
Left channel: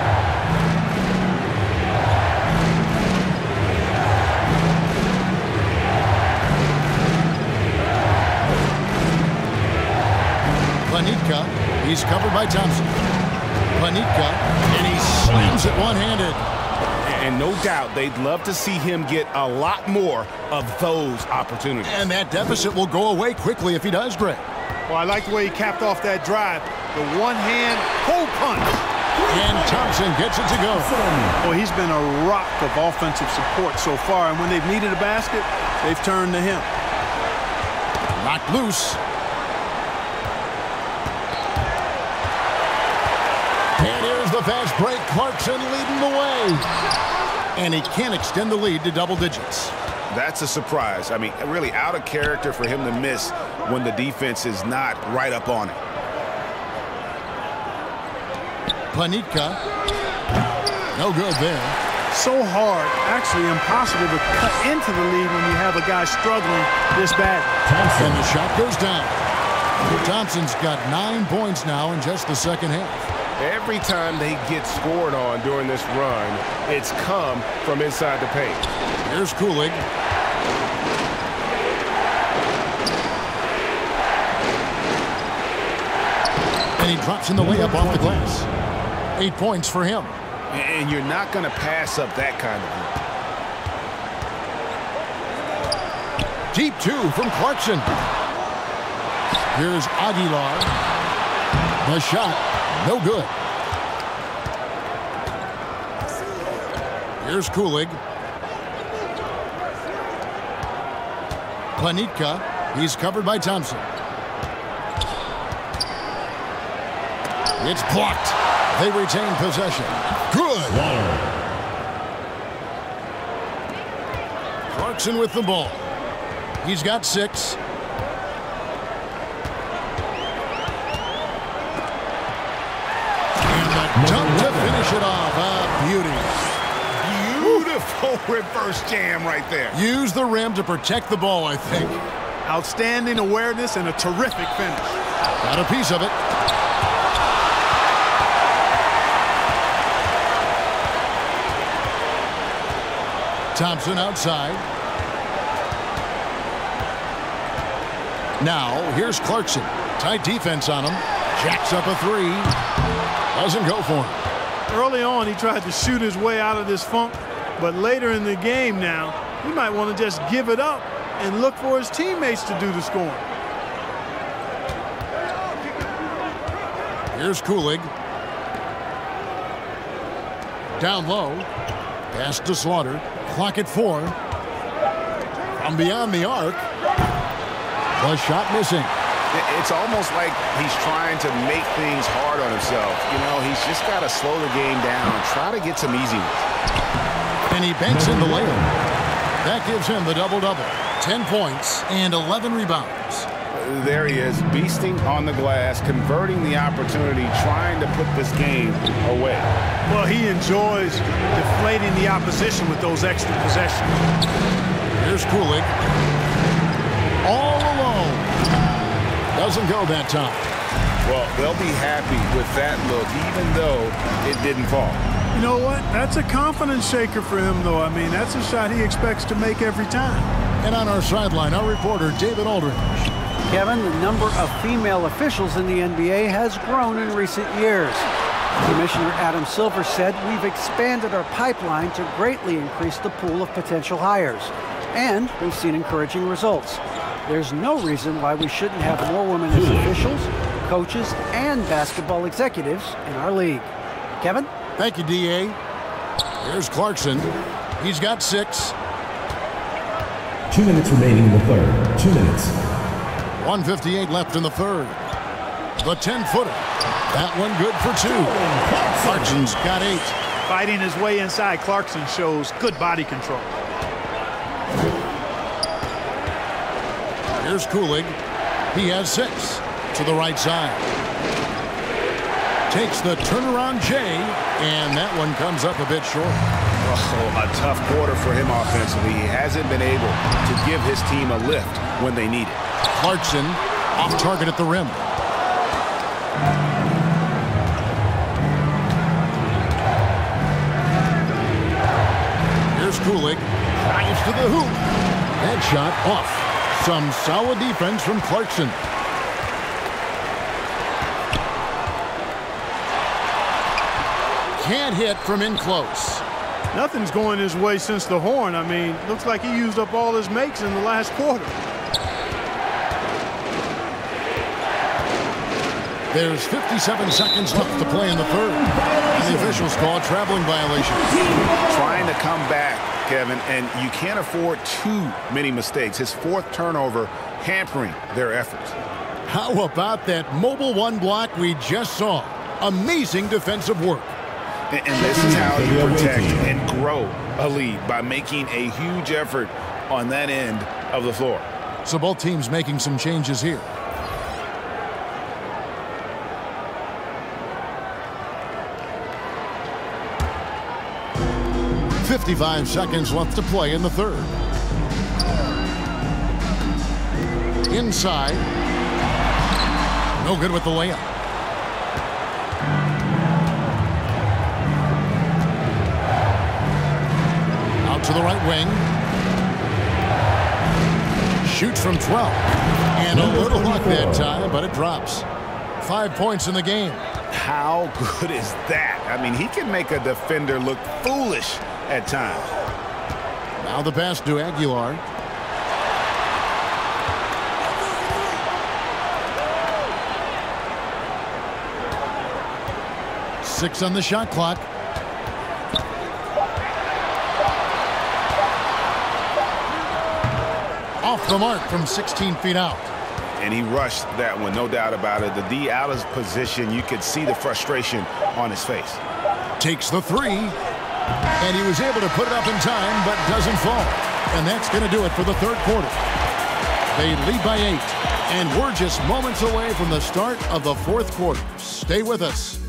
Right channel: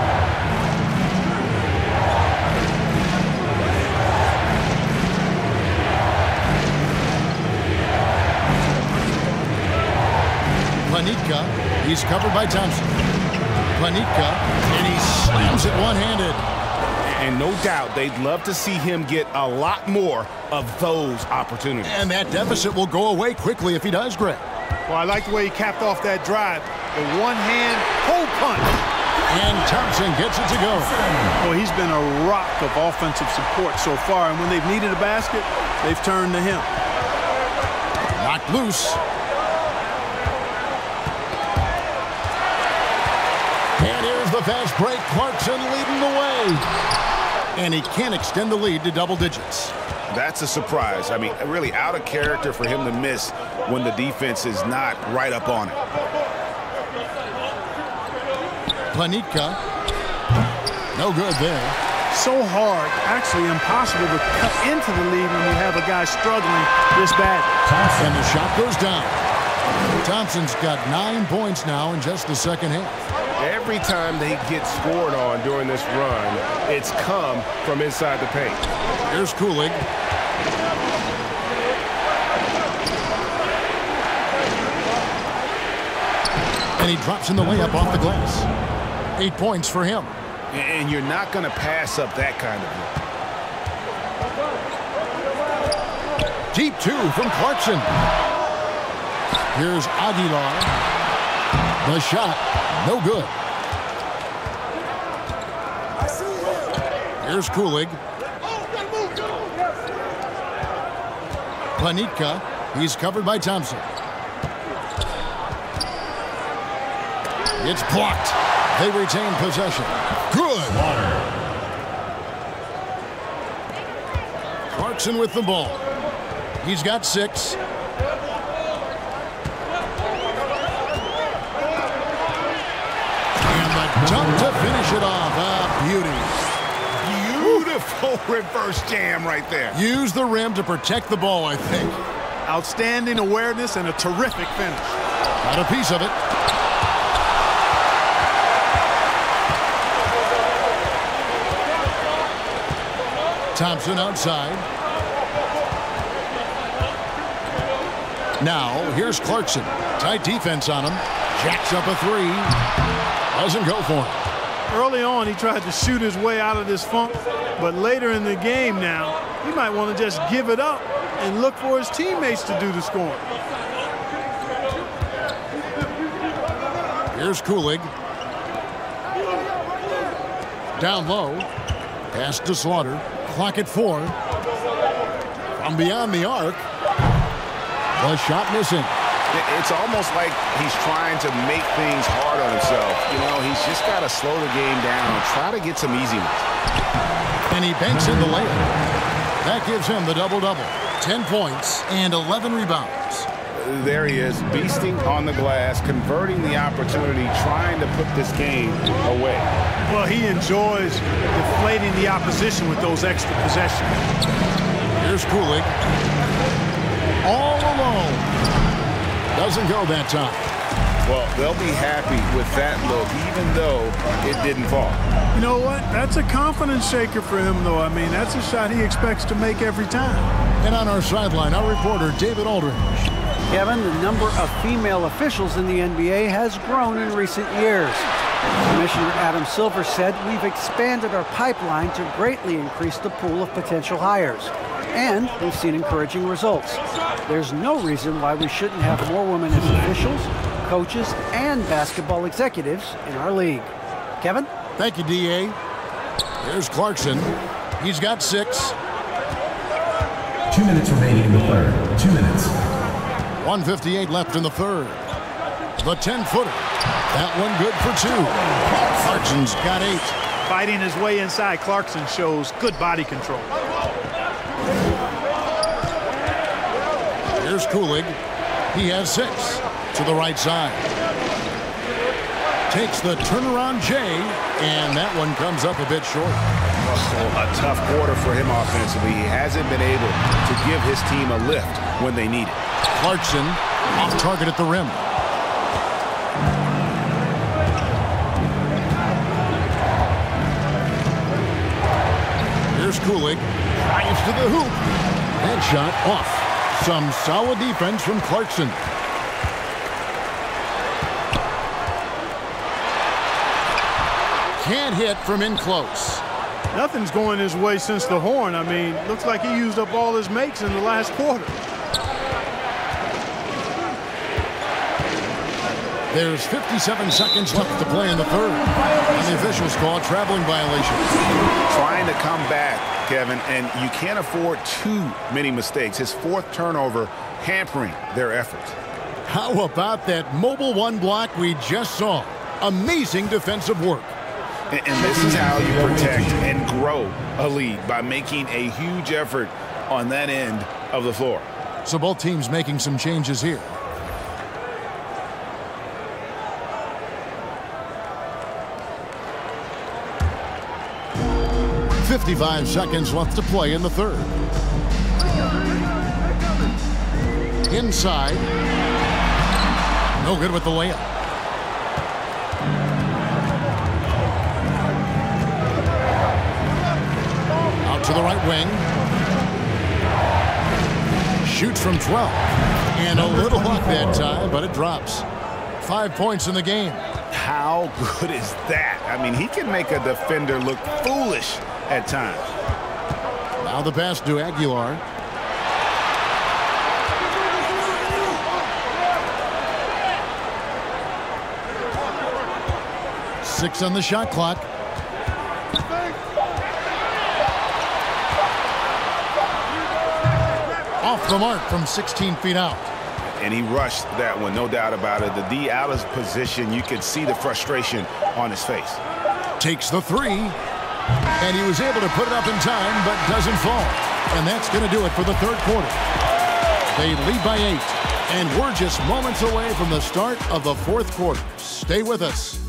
Planitka. He's covered by Thompson. Planitka. And he slams it one-handed. And no doubt they'd love to see him get a lot more of those opportunities. And that deficit will go away quickly if he does, Greg. Well, I like the way he capped off that drive. The one-hand pull punch. And Thompson gets it to go. Well, he's been a rock of offensive support so far, and when they've needed a basket, they've turned to him. Knocked loose. And here's the fast break. Clarkson leading the way. And he can't extend the lead to double digits. That's a surprise. I mean, really out of character for him to miss when the defense is not right up on it. Planitka. No good there. So hard, actually impossible to cut into the lead when you have a guy struggling this badly. And the shot goes down. Thompson's got 9 points now in just the second half. Every time they get scored on during this run, it's come from inside the paint. Here's Kulig. And he drops in the layup off the glass. 8 points for him. And you're not going to pass up that kind of look. Deep two from Clarkson. Here's Aguilar. The shot, no good. Here's Kulig. Planitka. He's covered by Thompson. It's blocked. They retain possession. Good. Clarkson with the ball. He's got 6. And the dunk to finish it off. A beauty. Beautiful reverse jam right there. Use the rim to protect the ball, I think. Outstanding awareness and a terrific finish. Got a piece of it. Thompson outside. Now, here's Clarkson. Tight defense on him. Jacks up a 3. Doesn't go for him. Early on, he tried to shoot his way out of this funk, but later in the game now, he might want to just give it up and look for his teammates to do the scoring. Here's Kulig. Down low. Pass to Slaughter. Clock at 4. From beyond the arc. The shot missing. It's almost like he's trying to make things hard on himself. You know, he's just got to slow the game down, try to get some easy ones. And he banks in the layup. That gives him the double-double. 10 points and 11 rebounds. There he is, beasting on the glass, converting the opportunity, trying to put this game away. Well, he enjoys deflating the opposition with those extra possessions. Here's Kulig. All alone. Doesn't go that time. Well, they'll be happy with that look, even though it didn't fall. You know what? That's a confidence shaker for him, though. I mean, that's a shot he expects to make every time. And on our sideline, our reporter, David Aldridge. Kevin, the number of female officials in the NBA has grown in recent years. Commissioner Adam Silver said we've expanded our pipeline to greatly increase the pool of potential hires. and they've seen encouraging results. There's no reason why we shouldn't have more women as officials, coaches, and basketball executives in our league. Kevin? Thank you, D.A. Here's Clarkson. He's got 6. 2 minutes remaining in the third. 2 minutes. 1:58 left in the third. The 10-footer. That one good for 2. Clarkson's got 8. Fighting his way inside, Clarkson shows good body control. Here's Kulig. He has 6 to the right side. Takes the turnaround J, and that one comes up a bit short. Oh, a tough quarter for him offensively. He hasn't been able to give his team a lift when they need it. Clarkson off target at the rim. Here's Kulig. Drives to the hoop. That shot off. Some solid defense from Clarkson. Can't hit from in close. Nothing's going his way since the horn. I mean, looks like he used up all his makes in the last quarter. There's 57 seconds left to play in the third. And the officials call a traveling violation. Trying to come back, Kevin, and you can't afford too many mistakes. His 4th turnover hampering their efforts. How about that mobile 1 block we just saw? Amazing defensive work. And this is how you protect and grow a lead, by making a huge effort on that end of the floor. So both teams making some changes here. .55 seconds left to play in the third. Inside. No good with the layup. Out to the right wing. Shoots from 12. And a little luck that time, but it drops. 5 points in the game. How good is that? I mean, he can make a defender look foolish at times. Now the pass to Aguilar. Six on the shot clock. Off the mark from 16 feet out. And he rushed that one, no doubt about it. The D out of position, you could see the frustration on his face. Takes the 3, and he was able to put it up in time, but doesn't fall. And that's going to do it for the third quarter. They lead by 8, and we're just moments away from the start of the fourth quarter. Stay with us.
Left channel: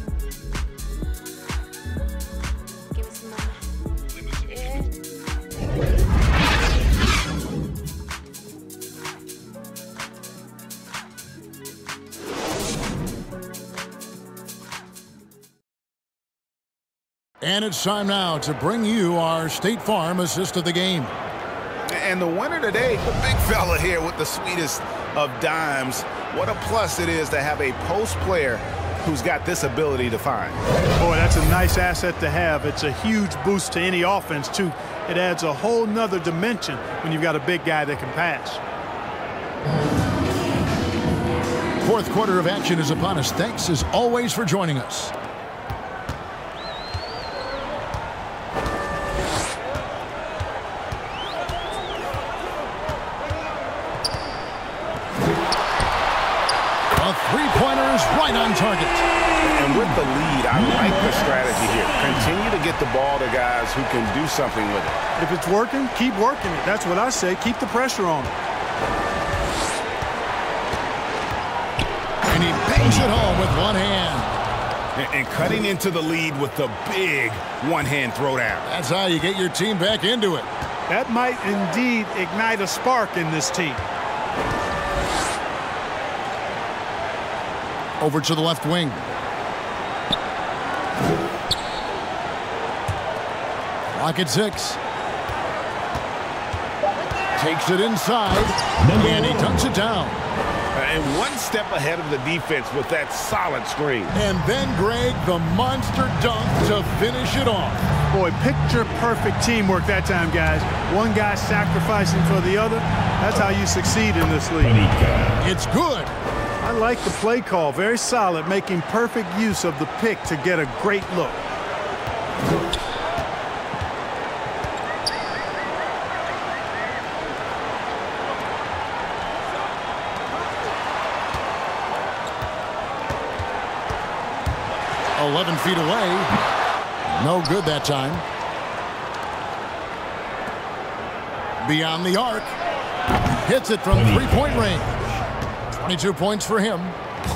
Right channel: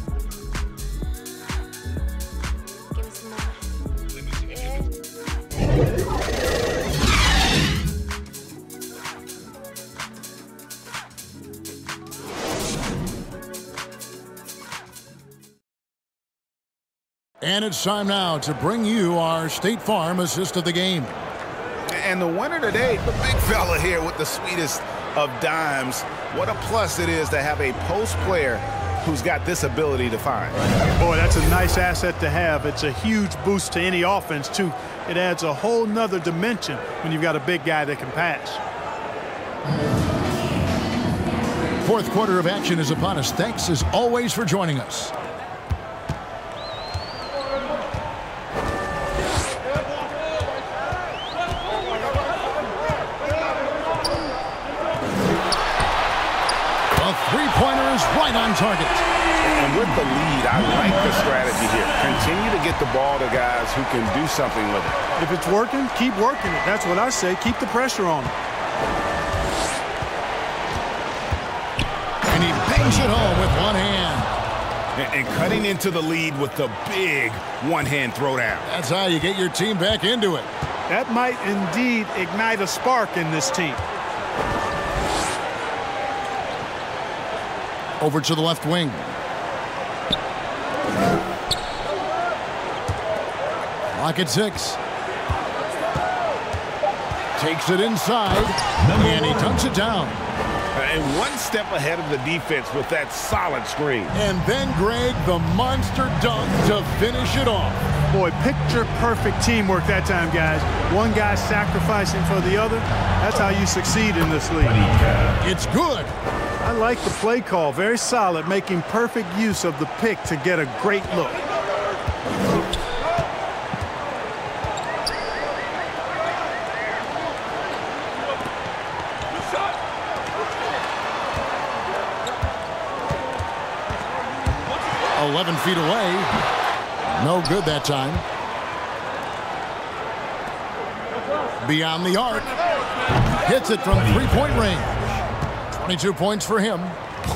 And it's time now to bring you our State Farm assist of the game. And the winner today, the big fella here with the sweetest of dimes. What a plus it is to have a post player who's got this ability to find. Boy, that's a nice asset to have. It's a huge boost to any offense, too. It adds a whole nother dimension when you've got a big guy that can pass. Fourth quarter of action is upon us. Thanks, as always, for joining us. A three-pointer is right on target. And with the lead, I like the strategy here. Continue to get the ball to guys who can do something with it. If it's working, keep working it. That's what I say. Keep the pressure on him. And he bangs it home with one hand. And cutting into the lead with the big one-hand throwdown. That's how you get your team back into it. That might indeed ignite a spark in this team. Over to the left wing. Clock at 6. Takes it inside, and he dunks it down. And one step ahead of the defense with that solid screen. And then, Greg, the monster dunk to finish it off. Boy, picture-perfect teamwork that time, guys. One guy sacrificing for the other. That's how you succeed in this league. It's good. I like the play call. Very solid, making perfect use of the pick to get a great look. "11 feet away." No good that time. Beyond the arc. Hits it from three-point range. 22 points for him.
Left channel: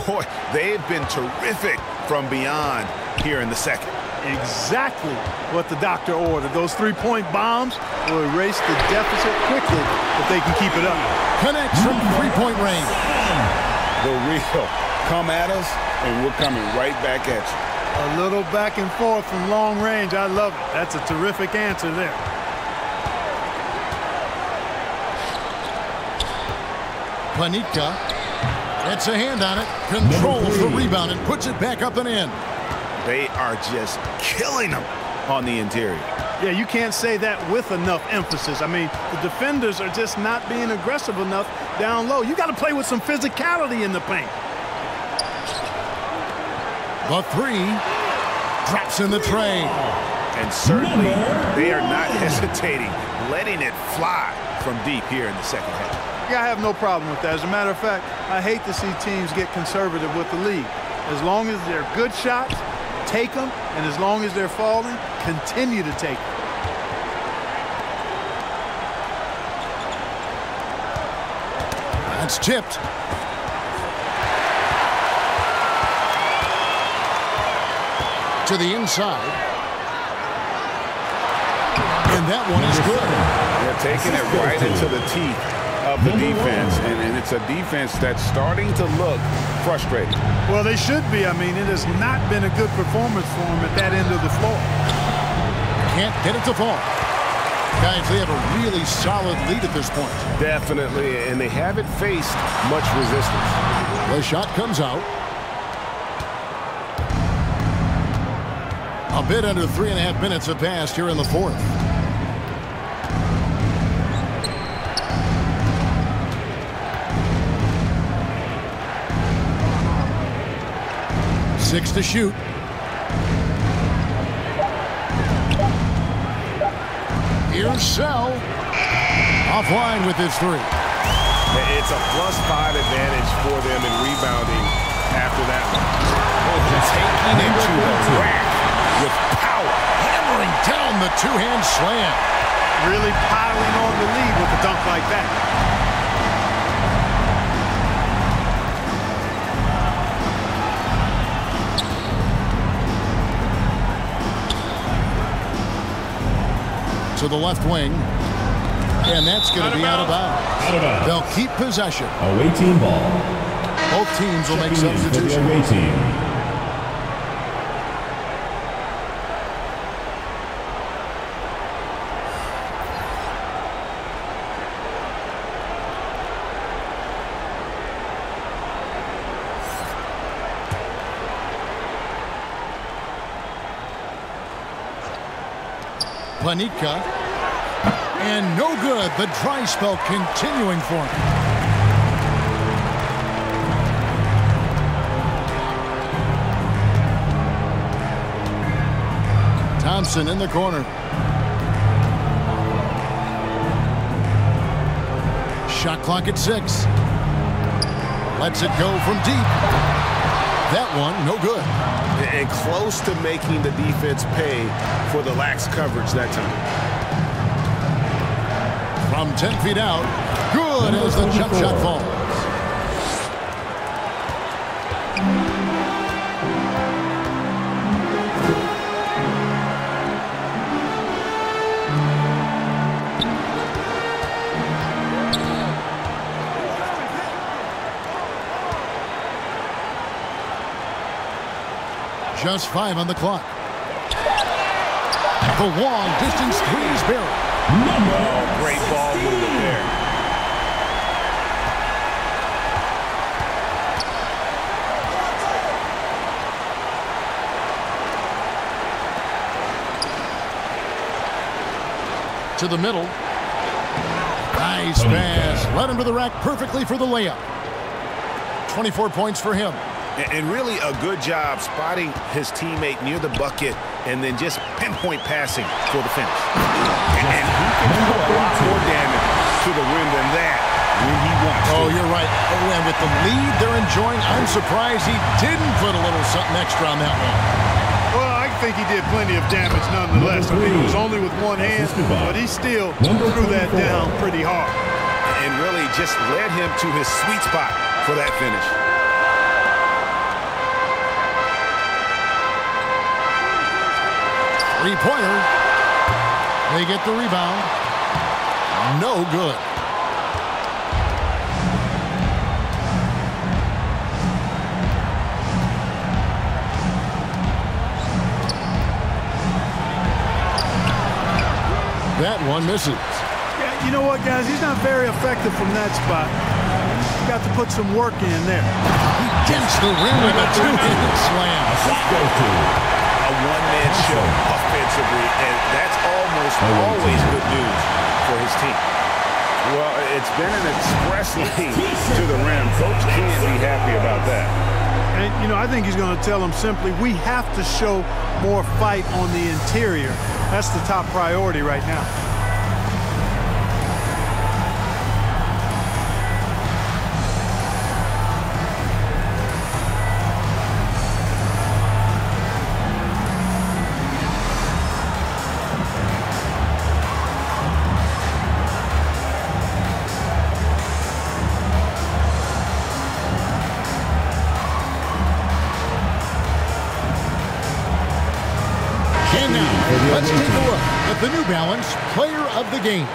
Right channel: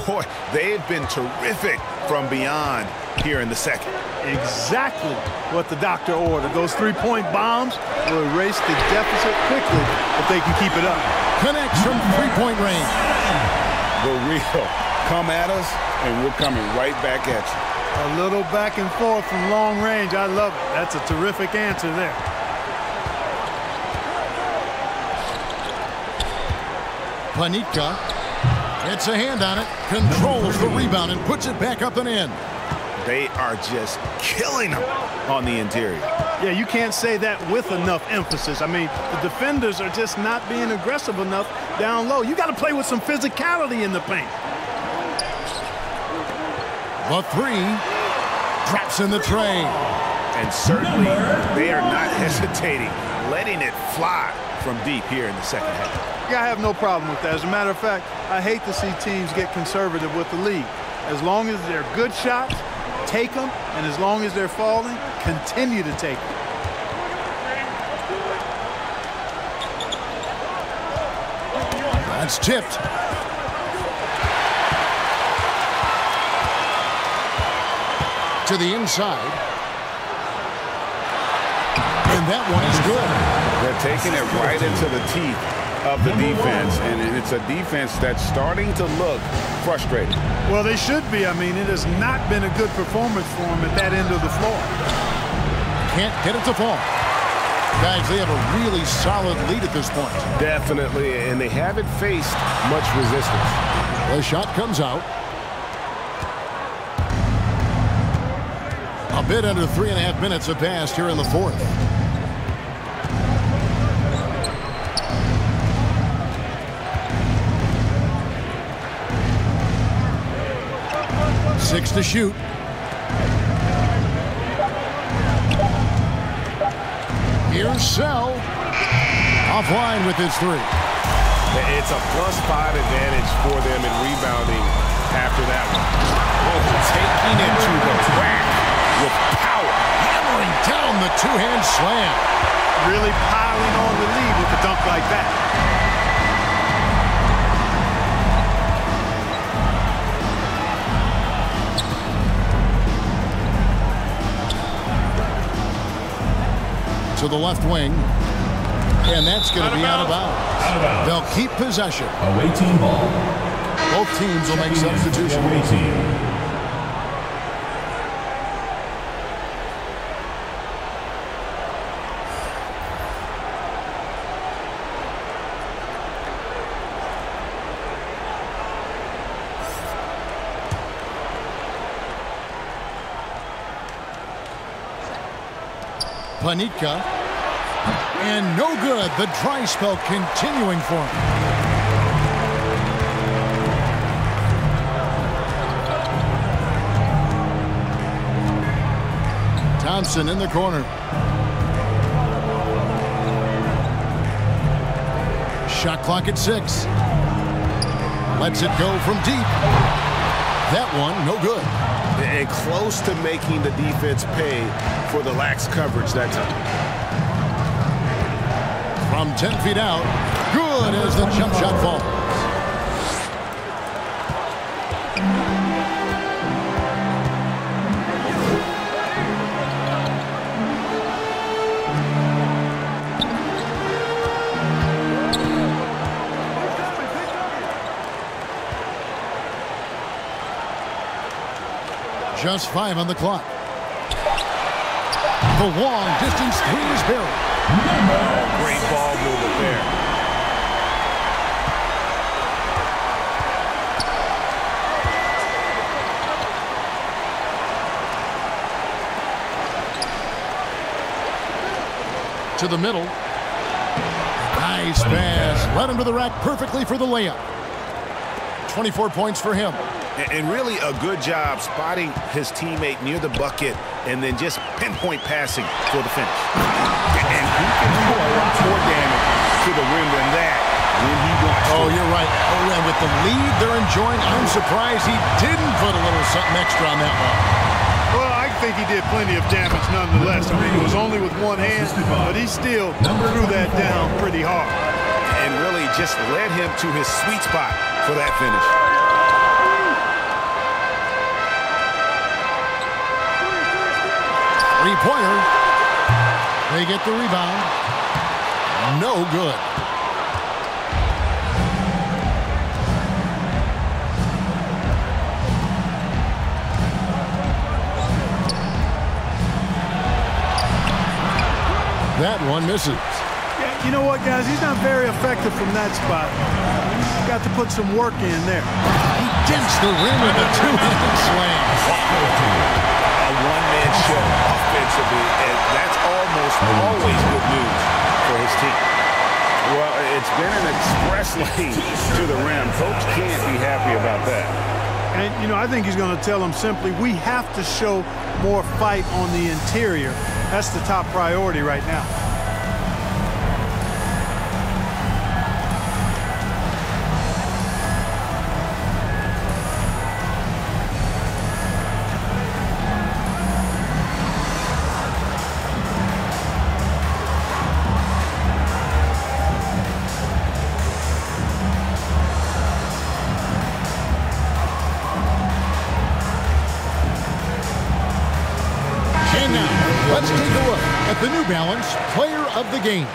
Boy, they've been terrific from beyond here in the second. Exactly what the doctor ordered. Those three-point bombs will erase the deficit quickly if they can keep it up. Connects from three-point range. The real. Come at us, and we're coming right back at you. A little back and forth from long range. I love it. That's a terrific answer there. Panitka gets a hand on it, controls the rebound, and puts it back up and in. They are just killing them on the interior. Yeah, you can't say that with enough emphasis. I mean, the defenders are just not being aggressive enough down low. You got to play with some physicality in the paint. The three drops in the tray. And certainly they are not hesitating, letting it fly from deep here in the second half. Yeah, I have no problem with that. As a matter of fact, I hate to see teams get conservative with the lead. As long as they're good shots, take them, and as long as they're falling, continue to take them. That's tipped. To the inside. And that one is good. They're taking it right into the teeth of the defense, and it's a defense that's starting to look frustrated. Well, they should be. I mean, it has not been a good performance for them at that end of the floor. Can't get it to fall. Guys, they have a really solid lead at this point. Definitely, and they haven't faced much resistance. The shot comes out. A bit under 3.5 minutes have passed here in the fourth. Six to shoot. Here's Sell. Offline with his three. It's a +5 advantage for them in rebounding after that one. Oh, taking it to the rack with power. Hammering down the two-hand slam. Really piling on the lead with a dunk like that. To the left wing. And that's going to be out of bounds. Out of bounds. They'll keep possession. Away team ball. Both teams will make substitutions. Away team. Panitka. And no good. The dry spell continuing for him. Thompson in the corner. Shot clock at 6. Lets it go from deep. That one, no good. And close to making the defense pay for the lax coverage that time. From 10 feet out, good as the jump shot falls. Just 5 on the clock. The long distance three is buried. Oh, great ball movement there. to the middle. Nice pass. Led him to the rack perfectly for the layup. 24 points for him. And really a good job spotting his teammate near the bucket and then just pinpoint passing for the finish. And he can do a lot more damage to the rim than that when he wants to. Oh, you're right. Oh, and with the lead they're enjoying, I'm surprised he didn't put a little something extra on that one. Well, I think he did plenty of damage nonetheless. I mean, it was only with one hand, but he still threw that down pretty hard. And really just led him to his sweet spot for that finish. Three-pointer. They get the rebound. No good. That one misses. Yeah, you know what, guys? He's not very effective from that spot. He's got to put some work in there. He dents the rim with a two-handed slam. A one-man show offensively, and that's almost always good news for his team. Well, it's been an express lane to the rim. Coach can't be happy about that. And, you know, I think he's going to tell them simply, we have to show more fight on the interior. That's the top priority right now. And now, let's take a look at the New Balance Player of the Game.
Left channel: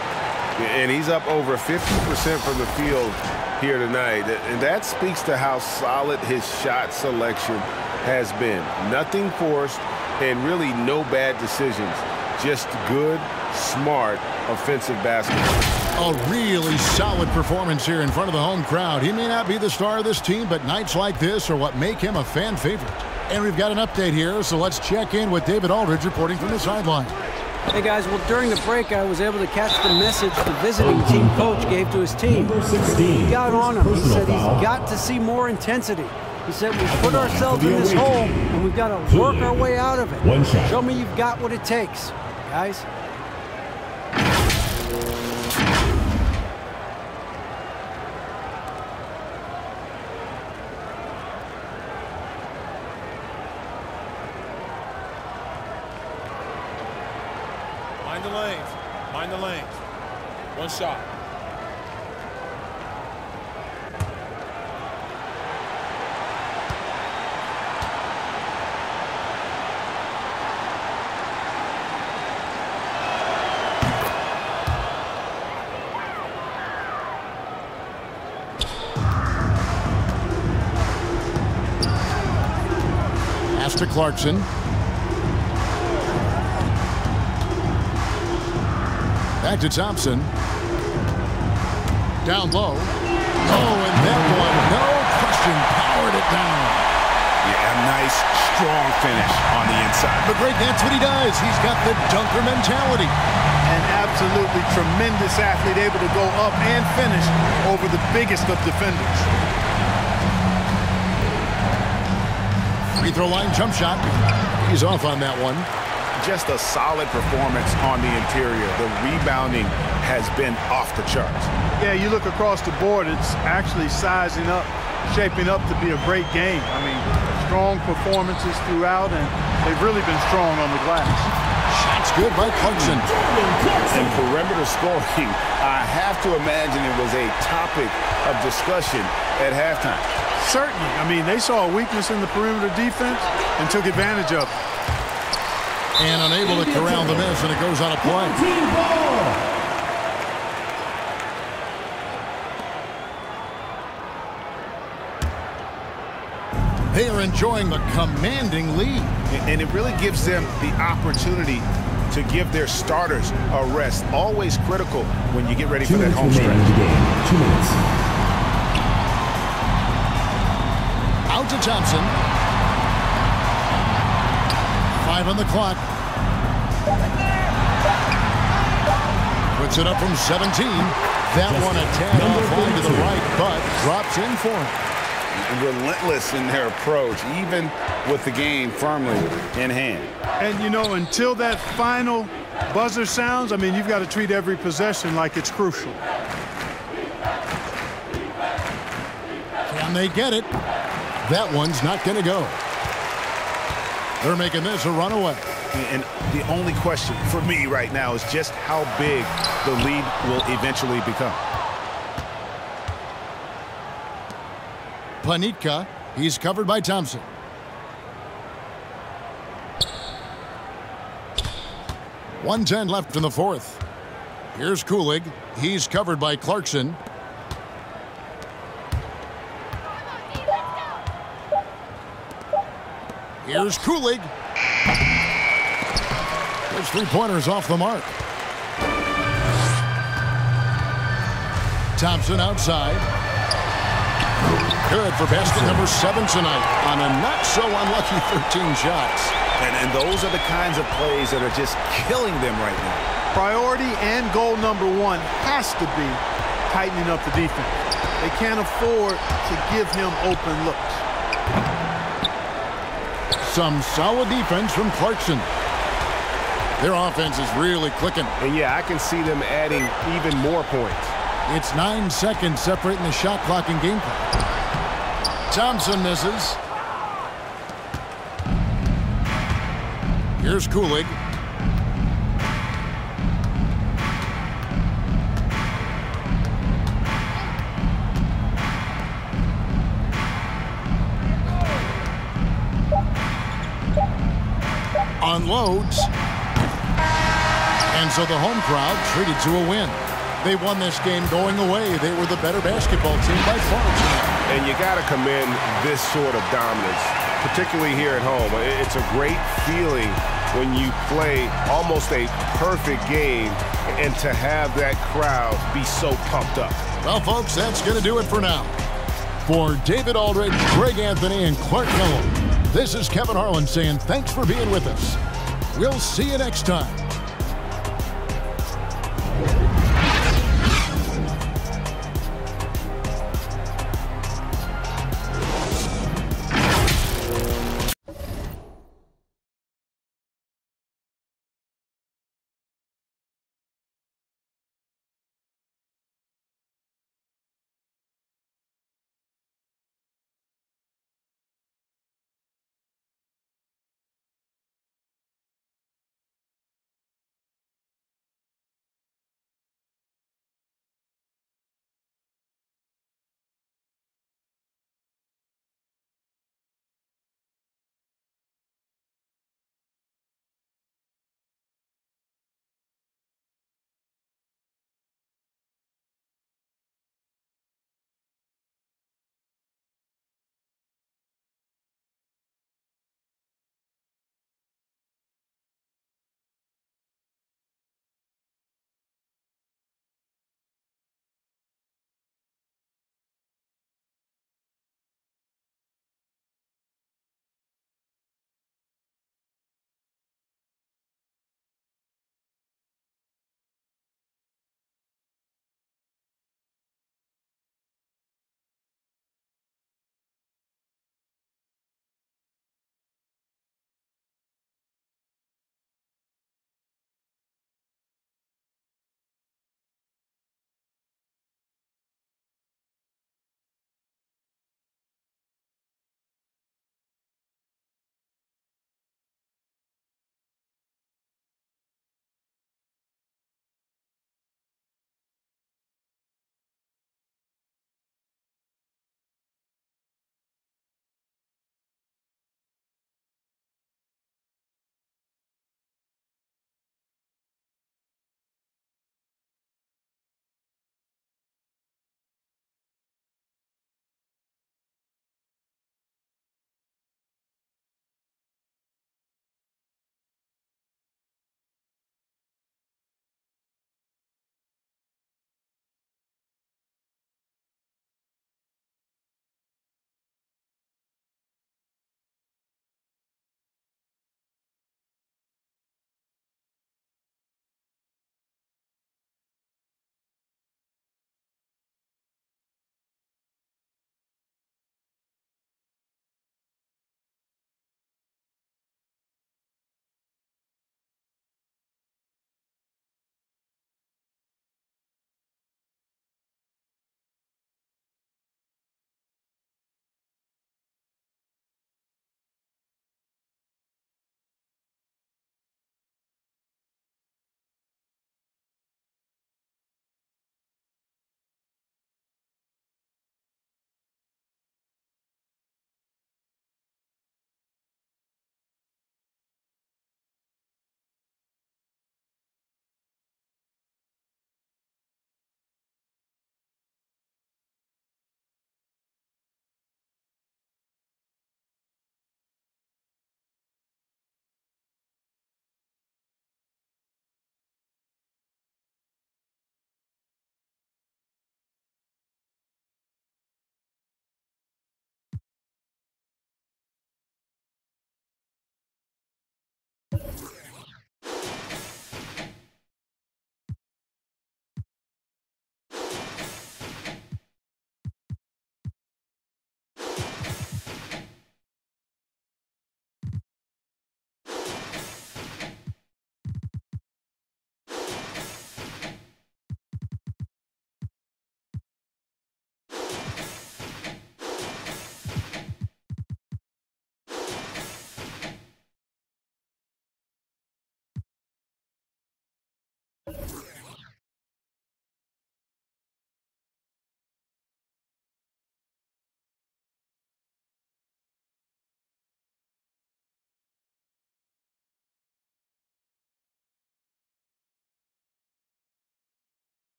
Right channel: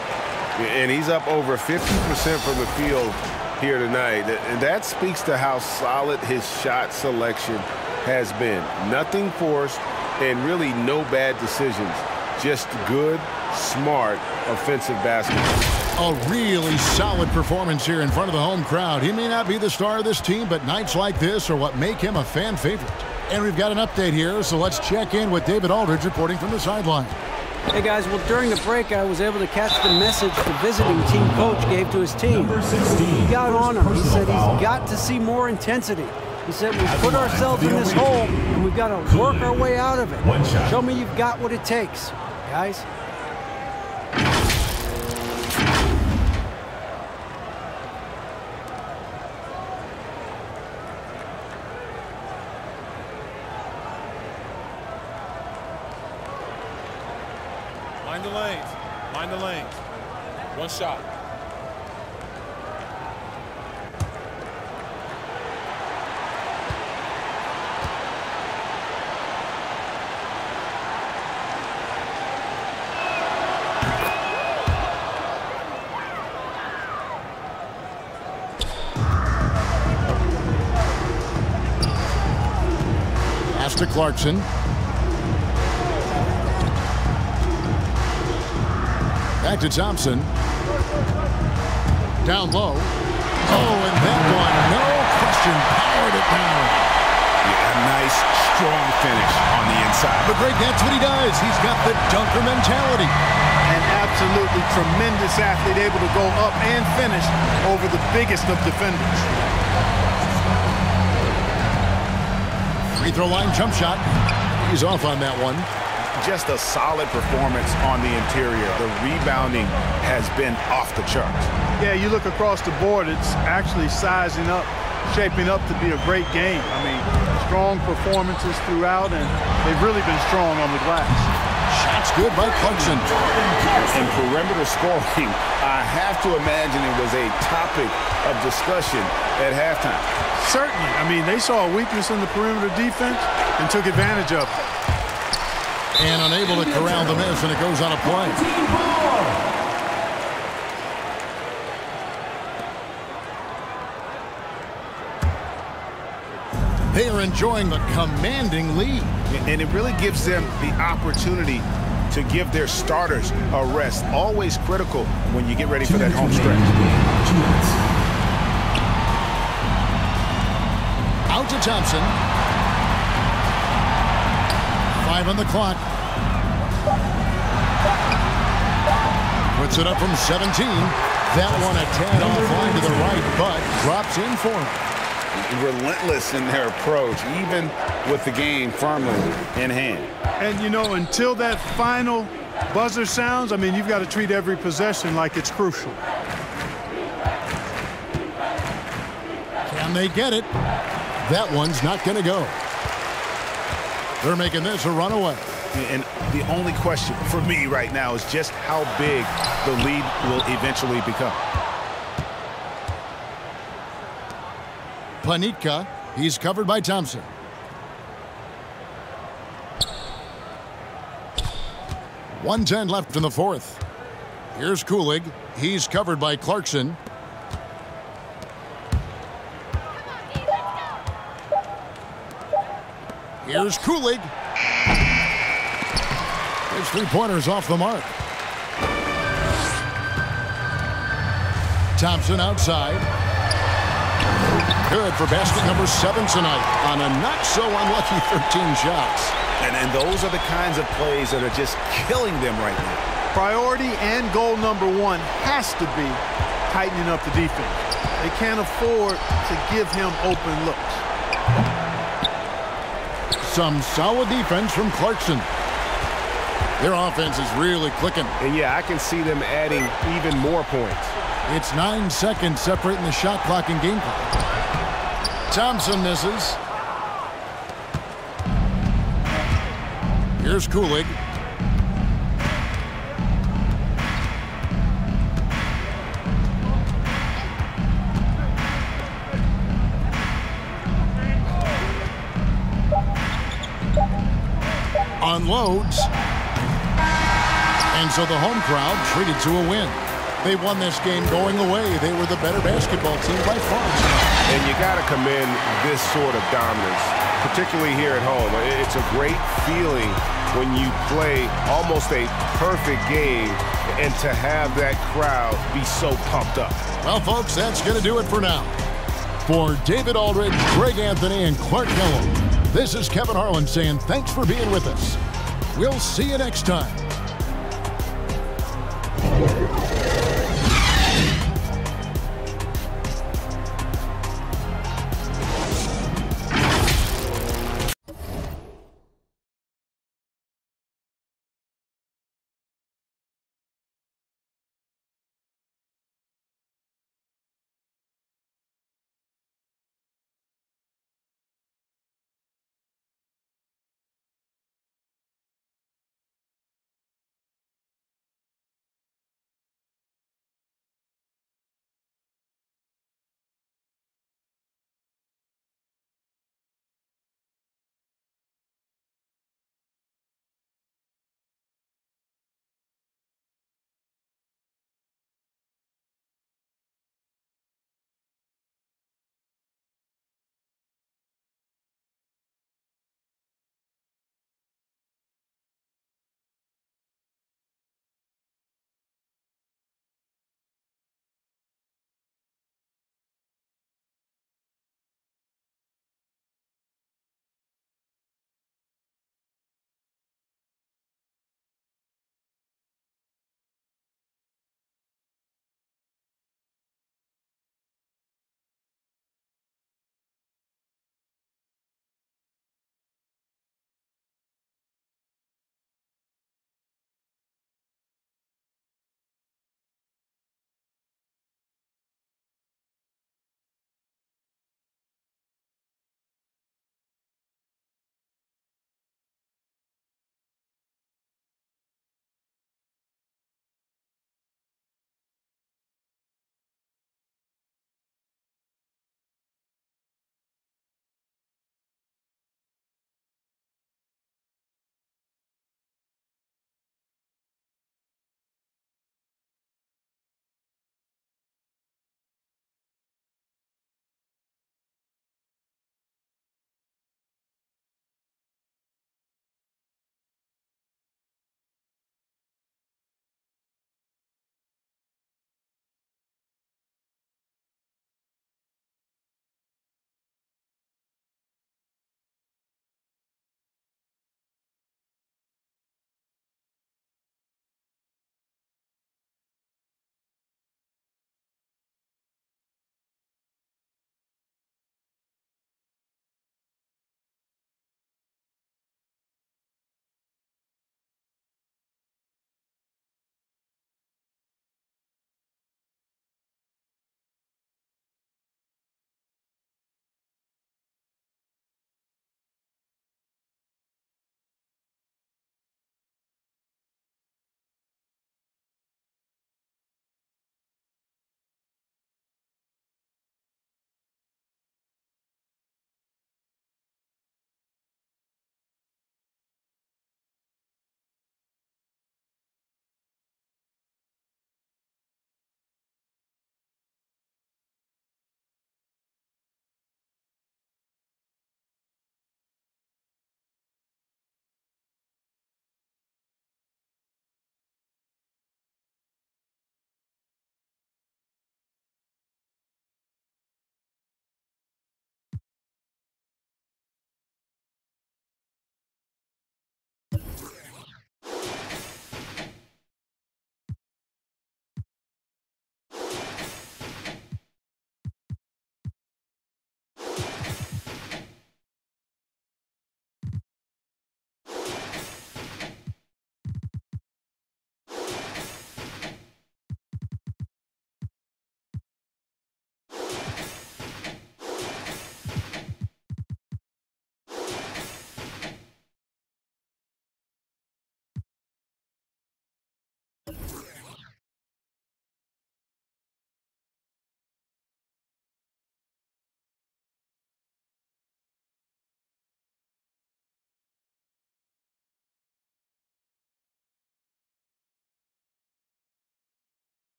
And he's up over 50% from the field here tonight. And that speaks to how solid his shot selection has been. Nothing forced and really no bad decisions. Just good, smart, offensive basketball. A really solid performance here in front of the home crowd. He may not be the star of this team, but nights like this are what make him a fan favorite. And we've got an update here, so let's check in with David Aldridge reporting from the sideline. Hey guys, well during the break I was able to catch the message the visiting team coach gave to his team. He got on him. He said he's got to see more intensity. He said we put ourselves in this hole and we've got to work our way out of it. Show me you've got what it takes, guys. Mind the lanes. Mind the lanes. One shot. Pass to Clarkson. Back to Thompson. Down low. Oh, and that one, no question, powered it down. Yeah, a nice, strong finish on the inside. But Greg, that's what he does. He's got the dunker mentality. An absolutely tremendous athlete, able to go up and finish over the biggest of defenders. Free throw line jump shot. He's off on that one. Just a solid performance on the interior. The rebounding has been off the charts. Yeah, you look across the board, it's actually sizing up, shaping up to be a great game. I mean, strong performances throughout, and they've really been strong on the glass. Shots good by Clarkson. And perimeter scoring, I have to imagine it was a topic of discussion at halftime. Certainly. I mean, they saw a weakness in the perimeter defense and took advantage of it. And unable to corral the miss, and it goes on a play. They are enjoying the commanding lead. And it really gives them the opportunity to give their starters a rest. Always critical when you get ready for that home stretch. 2 minutes. Out to Thompson. 5 on the clock. Puts it up from 17. That one a tad offline to the right, but drops in for him. Relentless in their approach, even with the game firmly in hand. And, you know, until that final buzzer sounds, I mean, you've got to treat every possession like it's crucial. Can they get it? That one's not going to go. They're making this a runaway. And the only question for me right now is just how big the lead will eventually become. Panitka, he's covered by Thompson. .110 left in the fourth. Here's Kulig. He's covered by Clarkson. Here's Kulig. His three-pointers off the mark. Thompson outside. Good for basket number 7 tonight on a not-so-unlucky 13 shots. And those are the kinds of plays that are just killing them right now. Priority and goal number 1 has to be tightening up the defense. They can't afford to give him open looks. Some solid defense from Clarkson. Their offense is really clicking. And yeah, I can see them adding even more points. It's 9 seconds separating the shot clock and game clock. Thompson misses. Here's Kulig. Unloads. And so the home crowd treated to a win. They won this game going away. They were the better basketball team by far tonight. And you got to commend this sort of dominance, particularly here at home. It's a great feeling when you play almost a perfect game and to have that crowd be so pumped up. Well, folks, that's going to do it for now. For David Aldridge, Greg Anthony, and Clark Kellogg, this is Kevin Harlan saying thanks for being with us. We'll see you next time.